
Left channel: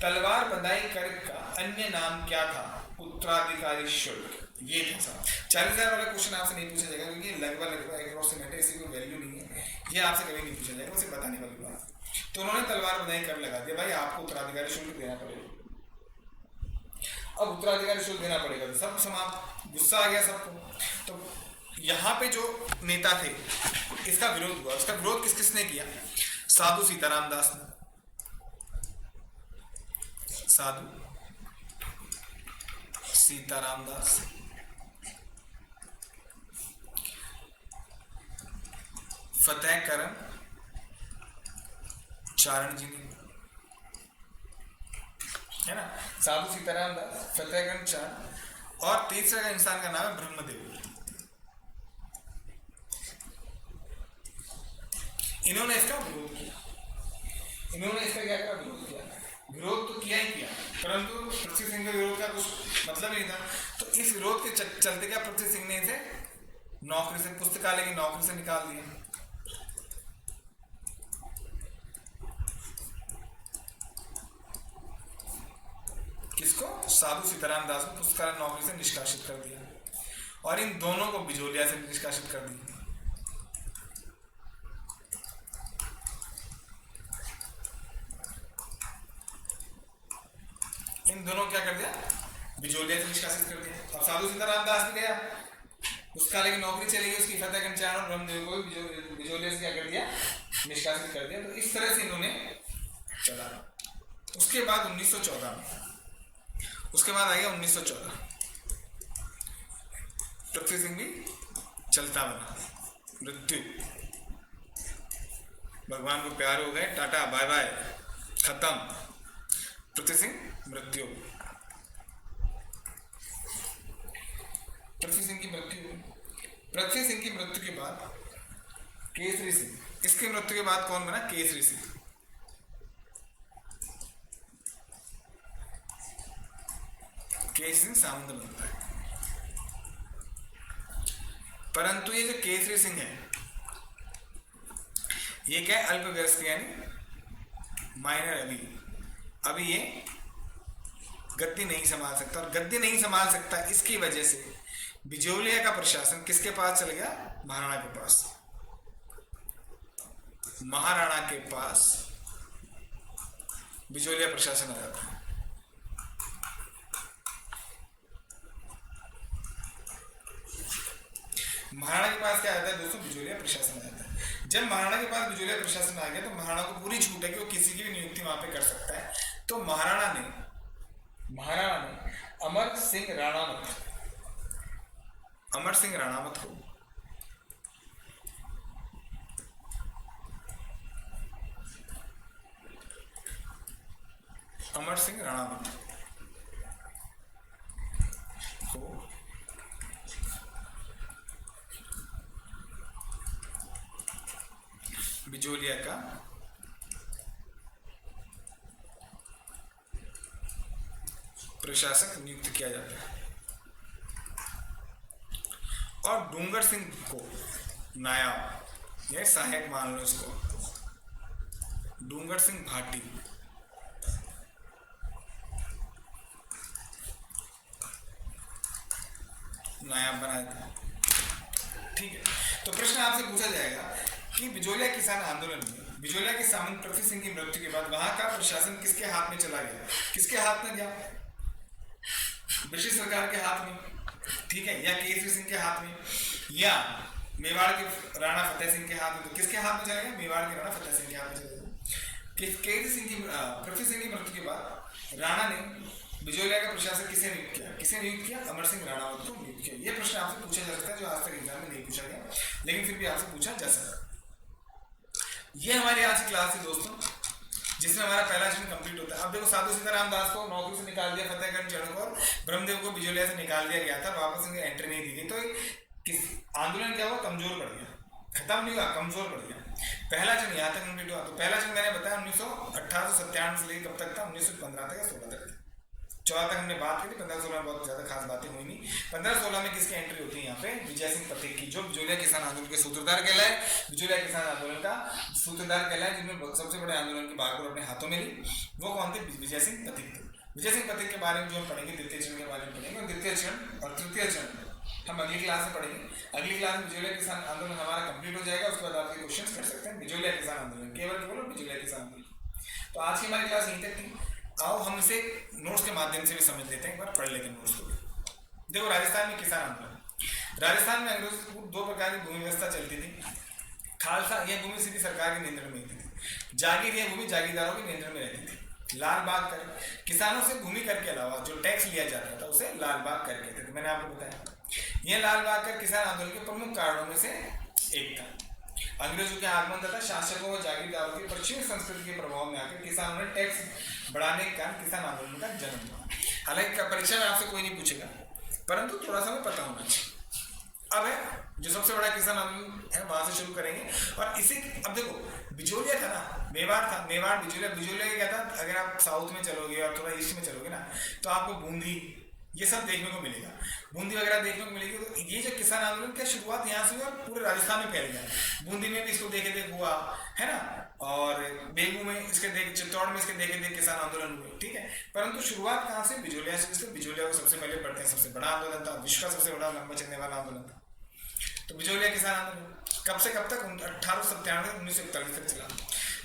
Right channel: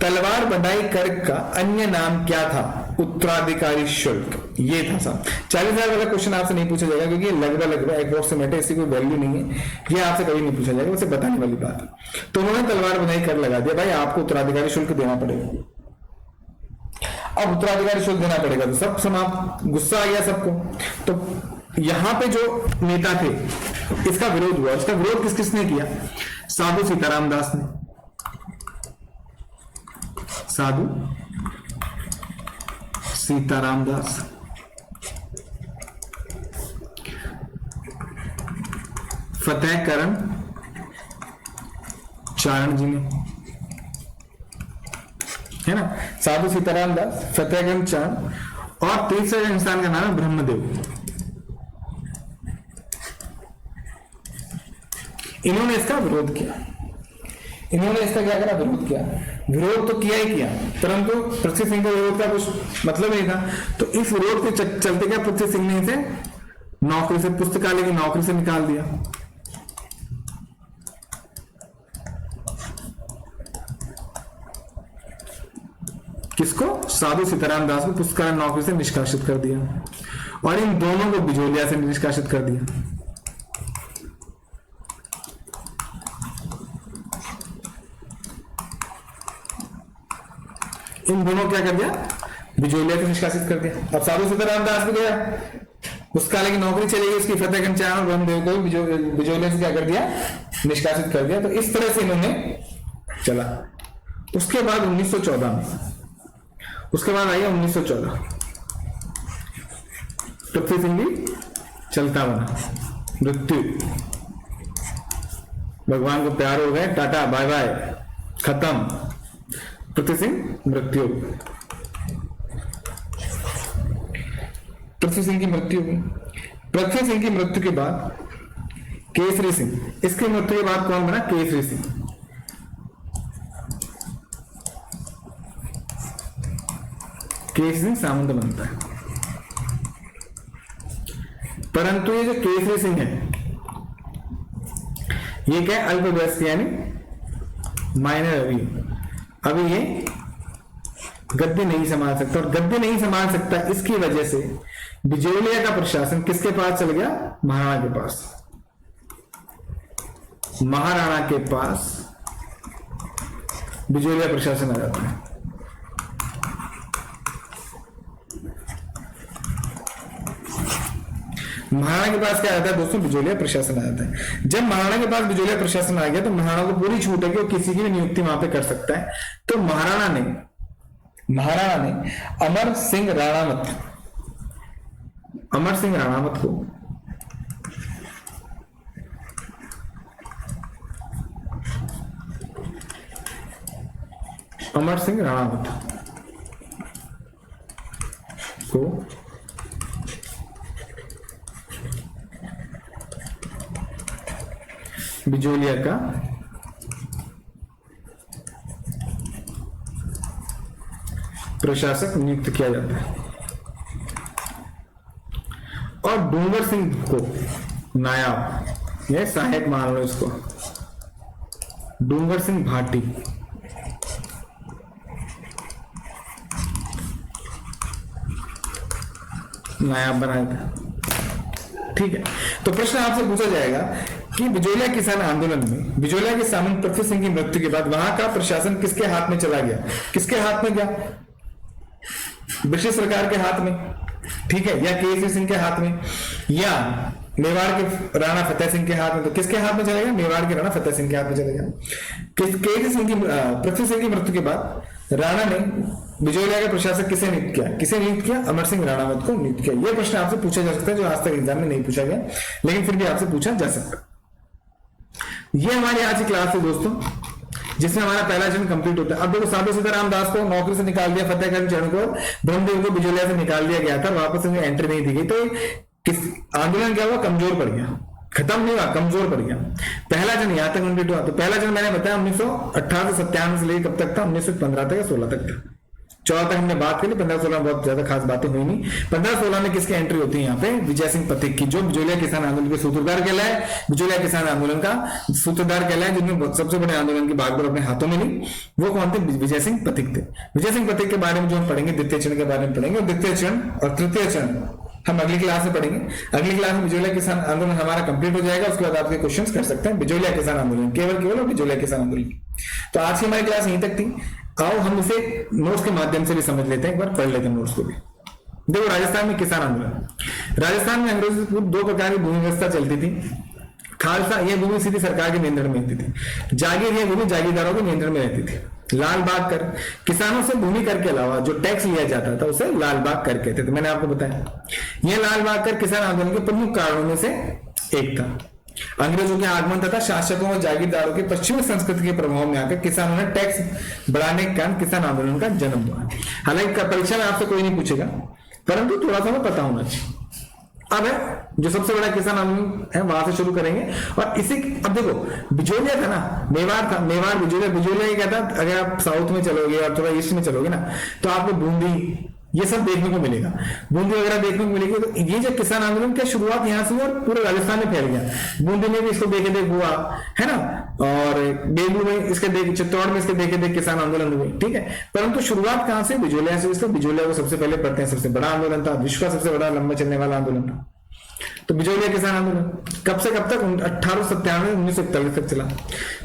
तलवार बंधाई कर का अन्य नाम क्या था? उत्तराधिकारी शुल्क। ये था साहब। 40,000 वाला क्वेश्चन आपसे नहीं पूछा जाएगा क्योंकि लगभग अप्रोक्सीमेट है, इसकी कोई वैल्यू नहीं है, ये आपसे कभी नहीं पूछा जाएगा, उसे बताने वाली बात है। तो उन्होंने तलवार बंधाई कर लगा दिया, भाई आपको उत्तराधिकारी शुल्क देना पड़ेगा। अब उत्तराधिकारी शुल्क देना पड़ेगा तो सब समाप्त, गुस्सा आ गया सबको। तो यहां पे जो नेता थे इसका विरोध हुआ। इसका विरोध किस किसने किया? साधु सीताराम दास ने। साधु सीताराम दास। फतेहकरण चारण जी ने, है ना, साधु सीताराम दास, फतेहकरण चारण, और तीसरा इंसान का नाम है ब्रह्मदेव। इन्होंने इसका विरोध किया। इन्होंने इसका क्या करा? विरोध किया। विरोध तो किया ही किया, परंतु पृथ्वी सिंह का विरोध का कुछ मतलब नहीं था। तो इस विरोध के चलते क्या पृथ्वी सिंह ने इसे नौकरी से, पुस्तकालय की नौकरी से निकाल दिया। किसको? साधु सीताराम दास को पुस्तकालय नौकरी से निष्कासित कर दिया, और इन दोनों को बिजोलिया से निष्कासित कर दिया। इन दोनों क्या कर दिया? बिजोलिया से निष्कासित कर दिया। अब साधु सीताराम दास भी गया, पुस्तकालय की नौकरी चली गई उसकी, फतेहकरण चारण और ब्रह्मदेव को बिजोलिया से क्या कर दिया? निष्कासित कर दिया। तो इस तरह से इन्होंने चला। उसके बाद 1914 में, उसके बाद आया 1914, पृथ्वी सिंह भी चलता बना। मृत्यु, भगवान को प्यार हो गए, टाटा बाय बाय, खत्म। पृथ्वी सिंह मृत्यु, पृथ्वी सिंह की मृत्यु हुई। पृथ्वी सिंह की मृत्यु के बाद केसरी सिंह, इसकी मृत्यु के बाद कौन बना? केसरी सिंह। केसरी सिंह सामंत बनता है। परंतु ये जो केसरी सिंह है ये क्या है? अल्पवयस्क यानी माइनर। अभी ये गद्दी नहीं संभाल सकता, और गद्दी नहीं संभाल सकता इसकी वजह से बिजोलिया का प्रशासन किसके पास चल गया? महाराणा के पास। महाराणा के पास बिजोलिया प्रशासन आ जाता है। महाराणा के पास क्या आता है दोस्तों? बिजोलिया प्रशासन आ जाता है। जब महाराणा के पास बिजोलिया प्रशासन आ गया तो महाराणा को पूरी छूट है कि वो किसी की भी नियुक्ति वहां पे कर सकता है। तो महाराणा ने अमर सिंह राणावत को बिजोलिया का प्रशासक नियुक्त किया जाता है, और डूंगर सिंह को नायब, यह सहायक मान लो इसको, डूंगर सिंह भाटी नायब बनाया था। ठीक है, तो प्रश्न आपसे पूछा जाएगा कि बिजोलिया किसान आंदोलन में बिजोलिया के सामंत पृथ्वी सिंह की मृत्यु के बाद वहां का प्रशासन किसके हाथ में चला गया? किसके हाथ में गया? ब्रिटिश सरकार के हाथ में, ठीक है, या केसरी सिंह के हाथ में, या मेवाड़ के राणा फतेह सिंह के हाथ में। तो किसके हाथ में चलेगा? मेवाड़ के राणा फतेह सिंह के हाथ में चलेगा। केसरी सिंह की पृथ्वी सिंह की मृत्यु के बाद राणा ने बिजोलिया का प्रशासक किसे नियुक्त किया? किसे नियुक्त किया? अमर सिंह राणावत को नियुक्त किया। यह प्रश्न आपसे पूछा जा सकता है जो आज तक एग्जाम में नहीं पूछा गया, लेकिन फिर भी आपसे पूछा जा सकता है। ये हमारी आज की क्लास है दोस्तों, जिसमें हमारा पहला चरण कंप्लीट होता है। अब देखो, साधु सीताराम दास को नौकरी से निकाल दिया, फतेहकरण चारण को, ब्रह्मदेव को बिजोलिया से निकाल दिया गया था, वापस उन्हें एंट्री नहीं दी गई। तो किस आंदोलन क्या हुआ? कमजोर पड़ गया, खत्म नहीं हुआ, कमजोर पड़ गया। पहला जन यहां तक कंप्लीट हुआ। तो पहला जन मैंने बताया 1918 से लेकर कब तक था? 1915 तक या 16 तक था। 14 तक हमने बात करी, 15-16 में बहुत ज्यादा खास बातें हुई नहीं। 15-16 में किसकी एंट्री होती है यहाँ पे? विजय सिंह पथिक की, जो बिजोलिया किसान आंदोलन के सूत्रधार कहलाए, बिजोलिया किसान आंदोलन का सूत्रधार कहलाए, जिन्होंने सबसे बड़े आंदोलन की बागडोर अपने हाथों में ली। वो कौन थे? विजय सिंह पथिक थे। विजय सिंह पथिक के बारे में जो हम पढ़ेंगे, द्वितीय चरण के बारे में पढ़ेंगे, और द्वितीय चरण और तृतीय चरण हम अगली क्लास में पढ़ेंगे। अगली क्लास में बिजोलिया किसान आंदोलन हमारा कंप्लीट हो जाएगा। उसके बाद आपके क्वेश्चन कर सकते हैं बिजोलिया किसान आंदोलन, केवल और बिजोलिया किसान आंदोलन। तो आज की हमारी क्लास यहीं तक थी। आओ हम इसे नोट्स के माध्यम से भी समझ लेते हैं, एक बार पढ़ लेते हैं नोट्स को भी। देखो राजस्थान में किसान आंदोलन, राजस्थान में अंग्रेजों से दो प्रकार की भूमि व्यवस्था चलती थी। खालसा यह भूमि सीधी सरकार के नियंत्रण में रहती थी, जागीर यह भूमि जागीरदारों के नियंत्रण में रहती थी। लाल बाग कर, किसानों से भूमि कर के अलावा जो टैक्स लिया जाता था उसे लाल बाग कर कहते थे, मैंने आपको बताया। यह लाल बाग कर किसान आंदोलन के प्रमुख कारणों में से एक था। अंग्रेजों के आगमन तथा शासकों और जागीरदारों के पश्चिमी संस्कृति के प्रभाव में आकर किसानों ने टैक्स बढ़ाने के कारण किसान आंदोलन का जन्म हुआ। हालांकि परीक्षा में आपसे कोई नहीं पूछेगा, परंतु थोड़ा सा हमें पता होना चाहिए। अब है जो सबसे बड़ा किसान आंदोलन है वहां से शुरू करेंगे। और इसी, अब देखो बिजोलिया था ना, मेवाड़ था, मेवाड़ बिजोलिया, बिजोलिया क्या था, अगर आप साउथ में चलोगे और थोड़ा ईस्ट में चलोगे ना तो आपको बूंदी ये सब देखने को मिलेगा, बूंदी वगैरह देखने को मिलेगी। तो ये जो किसान आंदोलन की शुरुआत यहाँ से हुई और पूरे राजस्थान में फैल गया। बूंदी में भी इसको देखे देख हुआ है ना, और बेगू में इसके देख, चित्तौड़ में इसके देखे देख किसान आंदोलन हुए, ठीक है। परंतु शुरुआत कहां से, बिजोलिया से। इसलिए बिजोलिया को सबसे पहले पढ़ते हैं, सबसे बड़ा आंदोलन था, विश्व का सबसे बड़ा लंबा चलने वाला आंदोलन था। तो बिजोलिया किसान आंदोलन कब से कब तक, 1897 से 1941 तक चला।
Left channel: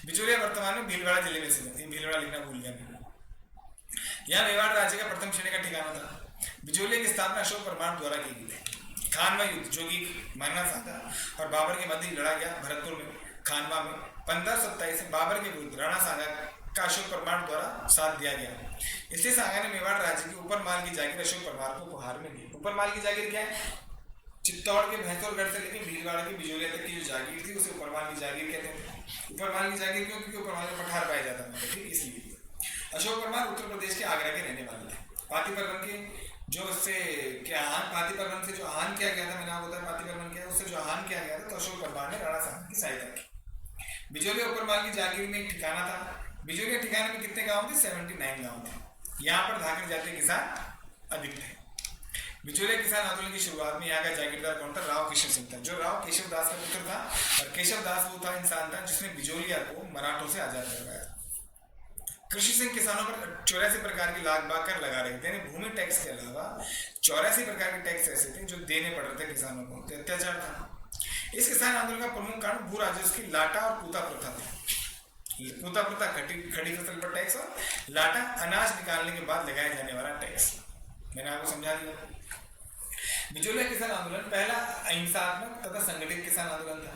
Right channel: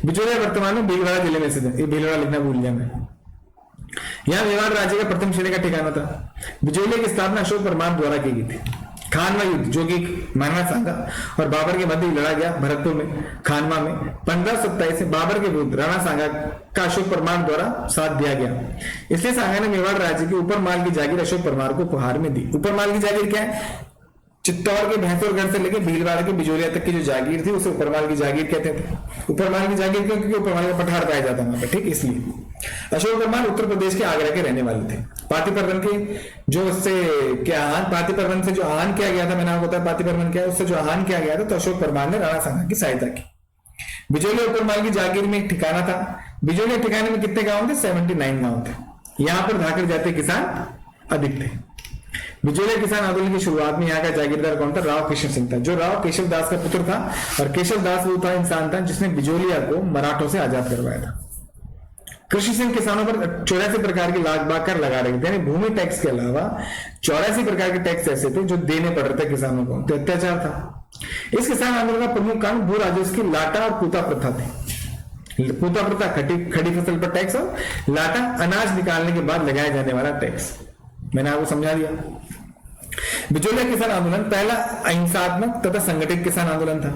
बिजोलिया वर्तमान में भीलवाड़ा जिले में स्थित है, ये भीलवाड़ा लिखना भूल गया मैं। यहां मेवाड़ राज्य का प्रथम श्रेणी का ठिकाना था। बिजोलिया की स्थापना अशोक परमार द्वारा की गई थी। खानवा युद्ध जो कि महाराणा सांगा और बाबर के मध्य लड़ा गया भरतपुर में, खानवा में 1527 से बाबर के विरुद्ध राणा सांगा का अशोक परमार द्वारा साथ दिया गया। इसलिए सांगा ने मेवाड़ राज्य के ऊपर माल की जागीर अशोक परमार को उपहार में दी। ऊपर माल की जागीर क्या है, चित्तौड़ के भैंसुरगढ़ से लेकर भीलवाड़ा के बिजोलिया तक की जो जागीर थी उसे उपरमाल की जागीर कहते थे। उपरमाल की जागीर क्यों, क्योंकि उपरमाल का पठार पाया जाता वहां पर, ठीक। इसलिए अशोक परमार उत्तर प्रदेश के आगरा के रहने वाले थे। पातिपर्वन के जो उससे क्या आहान, पातिपर्वन से जो आहान किया गया था, मैंने आपको बताया पातिपर्वन क्या है, उससे जो आहान किया गया था तो अशोक परमार ने राणा सांगा की सहायता की। बिजोलिया उपरमाल की जागीर में एक ठिकाना था। बिजोलिया ठिकाने में कितने गांव थे, 79 गांव थे। यहाँ पर धाकर जाते किसान अधिक थे। बिजोलिया किसान आंदोलन की शुरुआत में यहाँ का जागीरदार कौन था, राव कृष्ण सिंह था, जो राव केशव दास का पुत्र था। और केशव दास वो था इंसान था जिसने बिजोलिया को मराठों से आजाद करवाया था। कृषि सिंह किसानों पर 84 प्रकार के लाग बाग कर लगा रहे थे, यानी भूमि टैक्स के अलावा 84 प्रकार के टैक्स ऐसे थे जो देने पड़ रहे थे किसानों को, तो अत्याचार था। इस किसान आंदोलन का प्रमुख कारण भू राजस्व की लाटा और पूता प्रथा थी। पूता प्रथा खड़ी फसल पर टैक्स और लाटा अनाज निकालने के बाद लगाया जाने वाला टैक्स, मैंने आपको समझा दिया। बिजोलिया किसान आंदोलन पहला अहिंसात्मक तथा संगठित किसान आंदोलन था।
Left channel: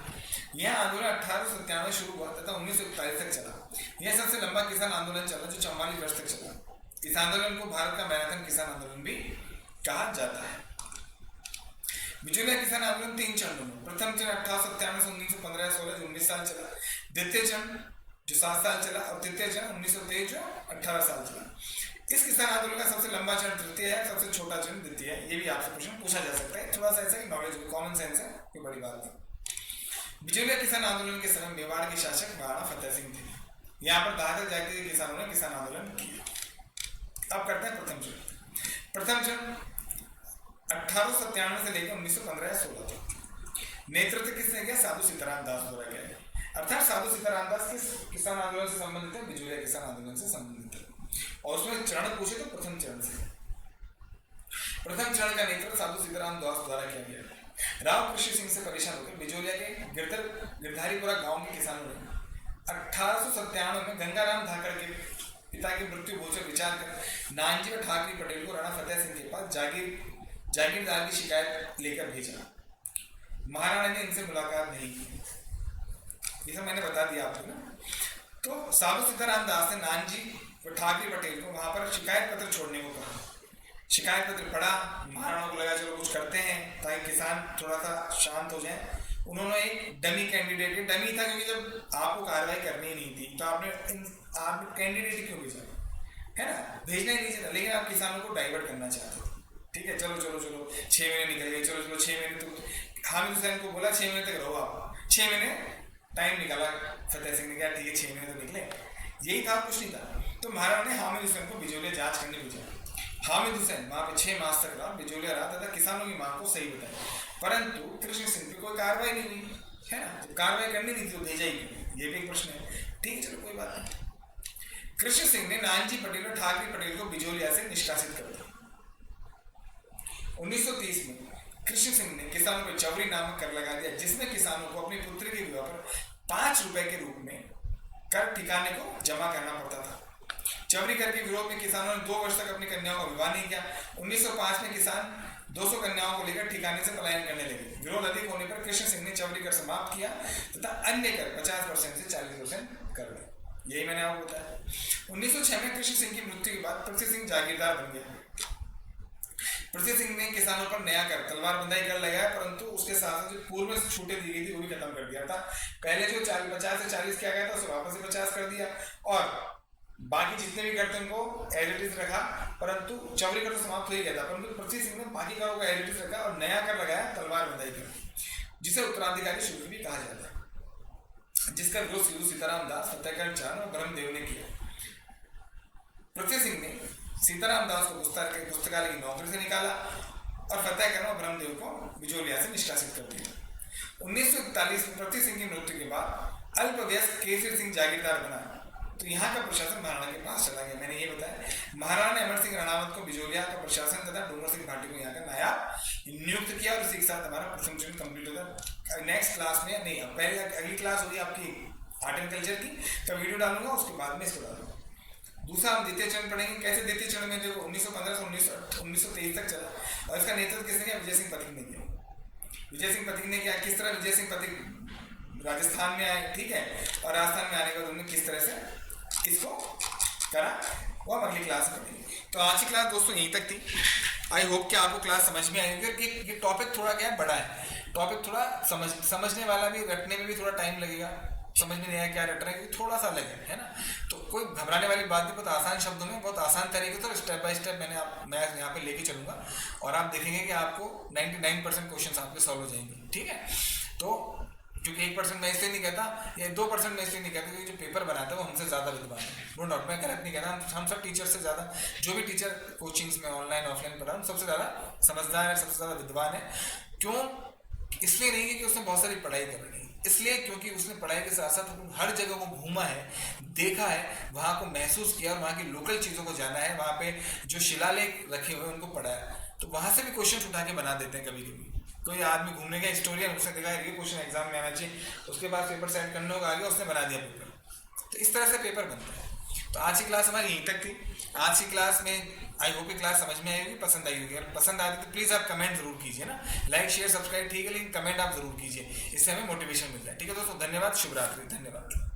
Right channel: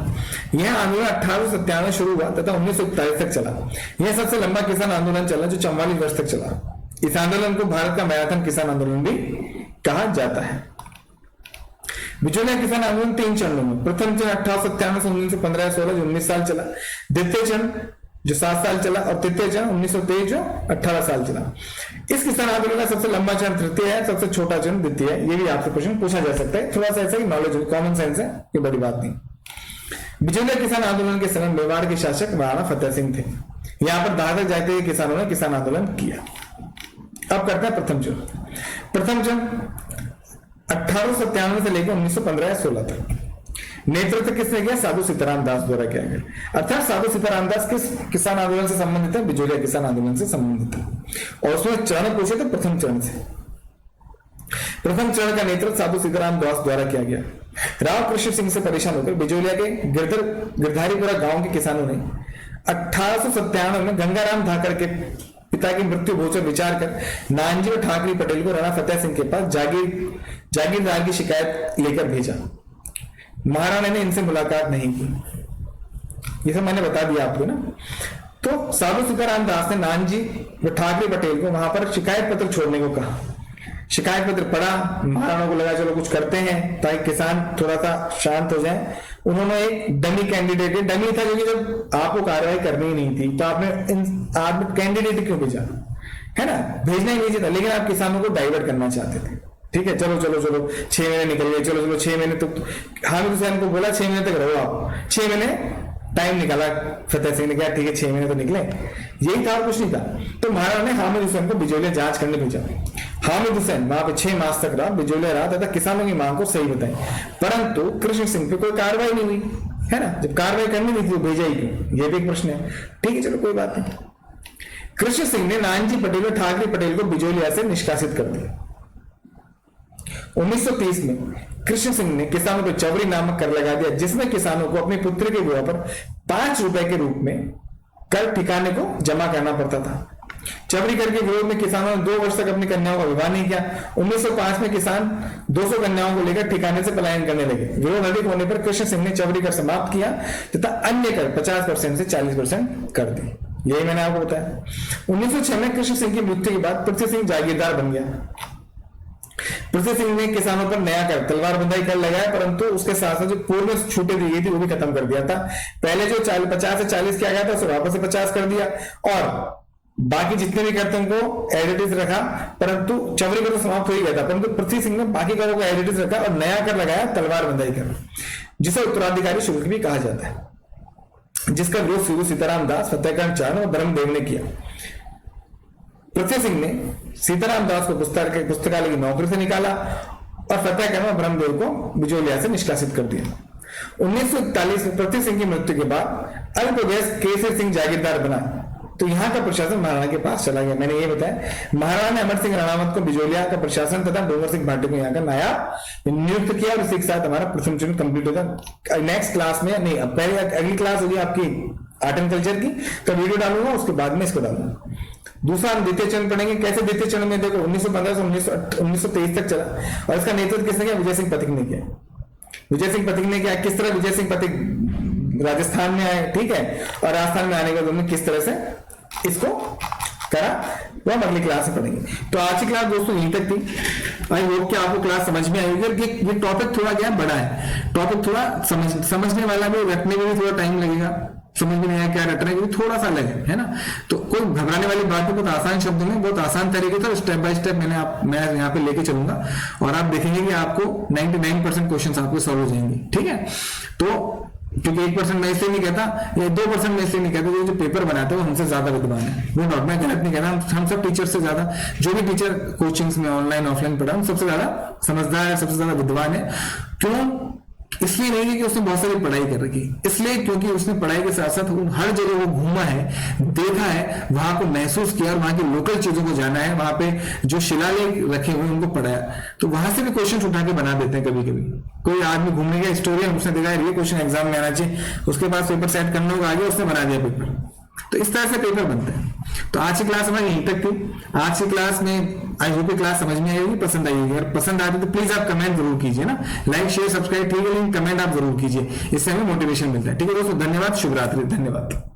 यह आंदोलन 1897 में शुरू हुआ तथा 1941 तक चला। यह सबसे लंबा किसान आंदोलन चला जो 44 वर्ष तक चला। इस आंदोलन को भारत का मैराथन किसान आंदोलन भी कहा जाता है। बिजोलिया किसान आंदोलन 3 चरणों में, प्रथम चरण 1897 से 1915-16 जो 19 साल चला, द्वितीय चरण जो 7 साल चला, और तृतीय चरण 1923 जो 18 साल चला। इस किसान आंदोलन का सबसे लंबा चरण तृतीय है, सबसे छोटा चरण द्वितीय है। ये भी आपसे क्वेश्चन पूछा जा सकता है, थोड़ा सा ऐसा ही नॉलेज हो, कॉमन सेंस है, ये बड़ी बात नहीं। बिजोलिया किसान आंदोलन के समय मेवाड़ के शासक महाराणा फतेह सिंह थे। यहाँ पर दादर जाते हुए किसानों ने किसान आंदोलन किया। अब करते हैं प्रथम चरण। प्रथम चरण 1897 से लेकर 1915-16 तक। नेतृत्व किसने किया, साधु सीताराम दास द्वारा किया गया। अर्थात साधु सीताराम दास किस किसान आंदोलन से संबंधित है, बिजोलिया किसान आंदोलन से संबंधित है। और उसमें चरण पूछे तो प्रथम चरण से। प्रथम चरण का नेतृत्व साधु सीताराम दास द्वारा किया गया। राव कृष्ण सिंह से परेशान होकर बिजोलिया के गिरधारीपुरा गांव के किसानों ने 1897 में गंगाराम धाकर के पिता की मृत्यु भोज पर विचार कर नानजी और ठाकरे पटेल को राणा फतेह सिंह के पास जागीरदार की शिकायत लेकर भेजा। महाराणा ने इनसे मुलाकात नहीं की, ये सब मैंने बता दिया आपको ना। तो साधु सीताराम दास ने नानजी व ठाकरे पटेल को वहां पर शिकायत पत्र छोड़ने को कहा। शिकायत पत्र पढ़ा, महाराणा को लगा चलो कुछ करते हैं ताकि किसान थोड़ा सा शांत हो जाए। उन्होंने एक डमी कैंडिडेट, डमी था क्योंकि जब आपको कार्रवाई करनी ही नहीं थी तो आपने कैंडिडेट क्यों भेजा, है ना, भेजना ही नहीं चाहिए था, लेकिन आप किसानों को डाइवर्ट करना चाहते थे। ठीक है, चलो 6 महीने निकल गए, चलो 6 महीने तो हामिद हुसैन को बोला 6 महीने तक रहो आप। 6 महीने टाइम निकाला, फतेह सिंह ने कहा ठीक है 6 महीने तो निकले, यही था और कुछ नहीं था। तो महाराणा ने हामिद हुसैन को बिजोलिया जांच करने भेजा। हामिद हुसैन वहां पे 6 मास तक रहा, बिजोलिया रहा तथा किसानों की मांग को सही बताई, परंतु कृष्ण सिंह पे कोई कार्रवाई नहीं हुई, है ना। जब कार्रवाई करनी नहीं थी तो भेजा ही क्यों, ये भी एक प्रश्न है। ठीक है, चलो कोई बात नहीं। कृष्ण सिंह ने नानजी पटेल और ठाकरे पटेल को बिजोलिया से निष्कासित कर दिया। 1930 में कृष्ण सिंह ने किसानों पर चवरी नामक कर लगा दिया, जिसमें किसानों को अपने पुत्र के विवाह पर 5 रुपए के रूप में कर ठिकाने को जमा करना पड़ता था। चबरी कर के विरोध में किसानों ने 2 वर्ष तक अपनी कन्याओं का विवाह नहीं किया। 1905 में किसान 200 कन्याओं को लेकर ठिकाने से पलायन करने लगे। विरोध अधिक होने पर कृष्ण सिंह ने चबरी कर समाप्त किया तथा अन्य कर 50% से 40% कर दिए। यही मैंने आपको बताया। 1906 में कृष्ण सिंह की मृत्यु के बाद पृथ्वी सिंह जागीरदार बन गया। पृथ्वी सिंह ने किसानों पर नया कर तलवार बंदाई कर लगाया, परंतु उसके साथ साथ जो पूर्व में छूटे दी गई थी वो भी खत्म कर दिया था। पहले जो 50 से 40 किया गया था उसे वापस से 50 कर दिया और बाकी जितने भी करते उनको एडिटिव रखा, परंतु चबरी कर तो समाप्त हो ही गया था, परंतु पृथ्वी सिंह ने बाकी करों को एडिटिव रखा और नया कर लगाया तलवार बंदाई कर, जिसे उत्तराधिकारी शुल्क भी कहा जाता है, जिसका विरोध सीधू सीताराम दास, फतेहकरण चांद और ब्रह्मदेव ने किया। पृथ्वी सिंह ने सीताराम दास को पुस्तकालय की नौकरी से निकाला और फतेहकरण और ब्रह्मदेव को बिजोलिया से निष्कासित कर दिया। 1941 में पृथ्वी सिंह की मृत्यु के बाद अल्पवयस्क केसर सिंह जागीरदार बना, तो यहाँ का प्रशासन महाराणा के पास चला गया। मैंने ये बताया, महाराणा ने अमर सिंह राणावत को बिजोलिया का प्रशासन तथा डोंगर सिंह भाटी को यहाँ का नायब नियुक्त किया और इसी के साथ हमारा प्रथम चरण कंप्लीट होगा। नेक्स्ट क्लास में नहीं, अब पहले अगली क्लास होगी आपकी आर्ट एंड कल्चर की, तो वीडियो डालूंगा, उसके बाद में इसको डालूंगा। दूसरा हम द्वितीय चरण पढ़ेंगे। कैसे द्वितीय चरण में देखो 1915 से 1923 तक चला और इसका नेतृत्व किसने किया? विजय सिंह पथिक ने किया। विजय सिंह पथिक ने किया। किस तरह विजय सिंह पथिक राजस्थान में आए, ठीक है, और राजस्थान में आने के बाद उन्होंने किस तरह से इसको करा वो हम अगली क्लास में पढ़ेंगे। तो आज की क्लास दोस्तों यहीं तक थी। आई होप कि आपको क्लास समझ में आएगी। ये टॉपिक थोड़ा क्या बड़ा है, टॉपिक थोड़ा समझने वाला भी, रखने में भी थोड़ा टाइम लगेगा, समझ में नहीं आया क्या रट रहे हैं, थोड़ा सा लगे, है ना। तो कोई घबराने वाली बात है, बहुत आसान शब्दों में, बहुत आसान तरीके से स्टेप बाय स्टेप मैं यहाँ पे लेके चलूंगा और आप देखेंगे कि आपको 99% क्वेश्चंस आपके सॉल्व हो जाएंगे, ठीक है। तो क्योंकि 1% मैं इसलिए नहीं कहता या 2% मैं इसलिए नहीं कहता, जो पेपर बनाते हैं वो हमसे ज्यादा विद्वान है, वो नॉट, मैं गलत नहीं कहता। हम सब टीचर से ज्यादा, जो भी टीचर कोचिंग्स में ऑनलाइन ऑफलाइन पढ़ा, हम सबसे ज्यादा समझदार है, सबसे ज्यादा विद्वान है। क्यों? इसलिए नहीं कि उसने बहुत सारी पढ़ाई कर रखी, इसलिए क्योंकि उसने पढ़ाई के साथ साथ हर जगह वो घूमा है, देखा है, वहां को महसूस किया और वहां की लोकल चीजों को जाना है, वहां पे जो शिलालेख रखे हुए उनको पढ़ाया। तो वहां से भी क्वेश्चन उठा के बना देते हैं कभी कभी। कोई आदमी घूमने गया, हिस्टोरियन, उसने देखा ये क्वेश्चन एग्जाम में आना चाहिए, उसके पास पेपर सेट करने होगा आगे, उसने बना दिया पेपर। तो इस तरह से पेपर बनते हैं। तो आज की क्लास हमारी यहीं तक थी। आज की क्लास में आई होप क्लास समझ में आएगी, पसंद आएगी। अगर पसंद आती तो प्लीज आप कमेंट जरूर कीजिए ना, लाइक शेयर सब्सक्राइब ठीक है, लेकिन कमेंट आप जरूर कीजिए, इससे हमें मोटिवेशन मिलता है। ठीक है दोस्तों, धन्यवाद, शुभ रात्रि, धन्यवाद।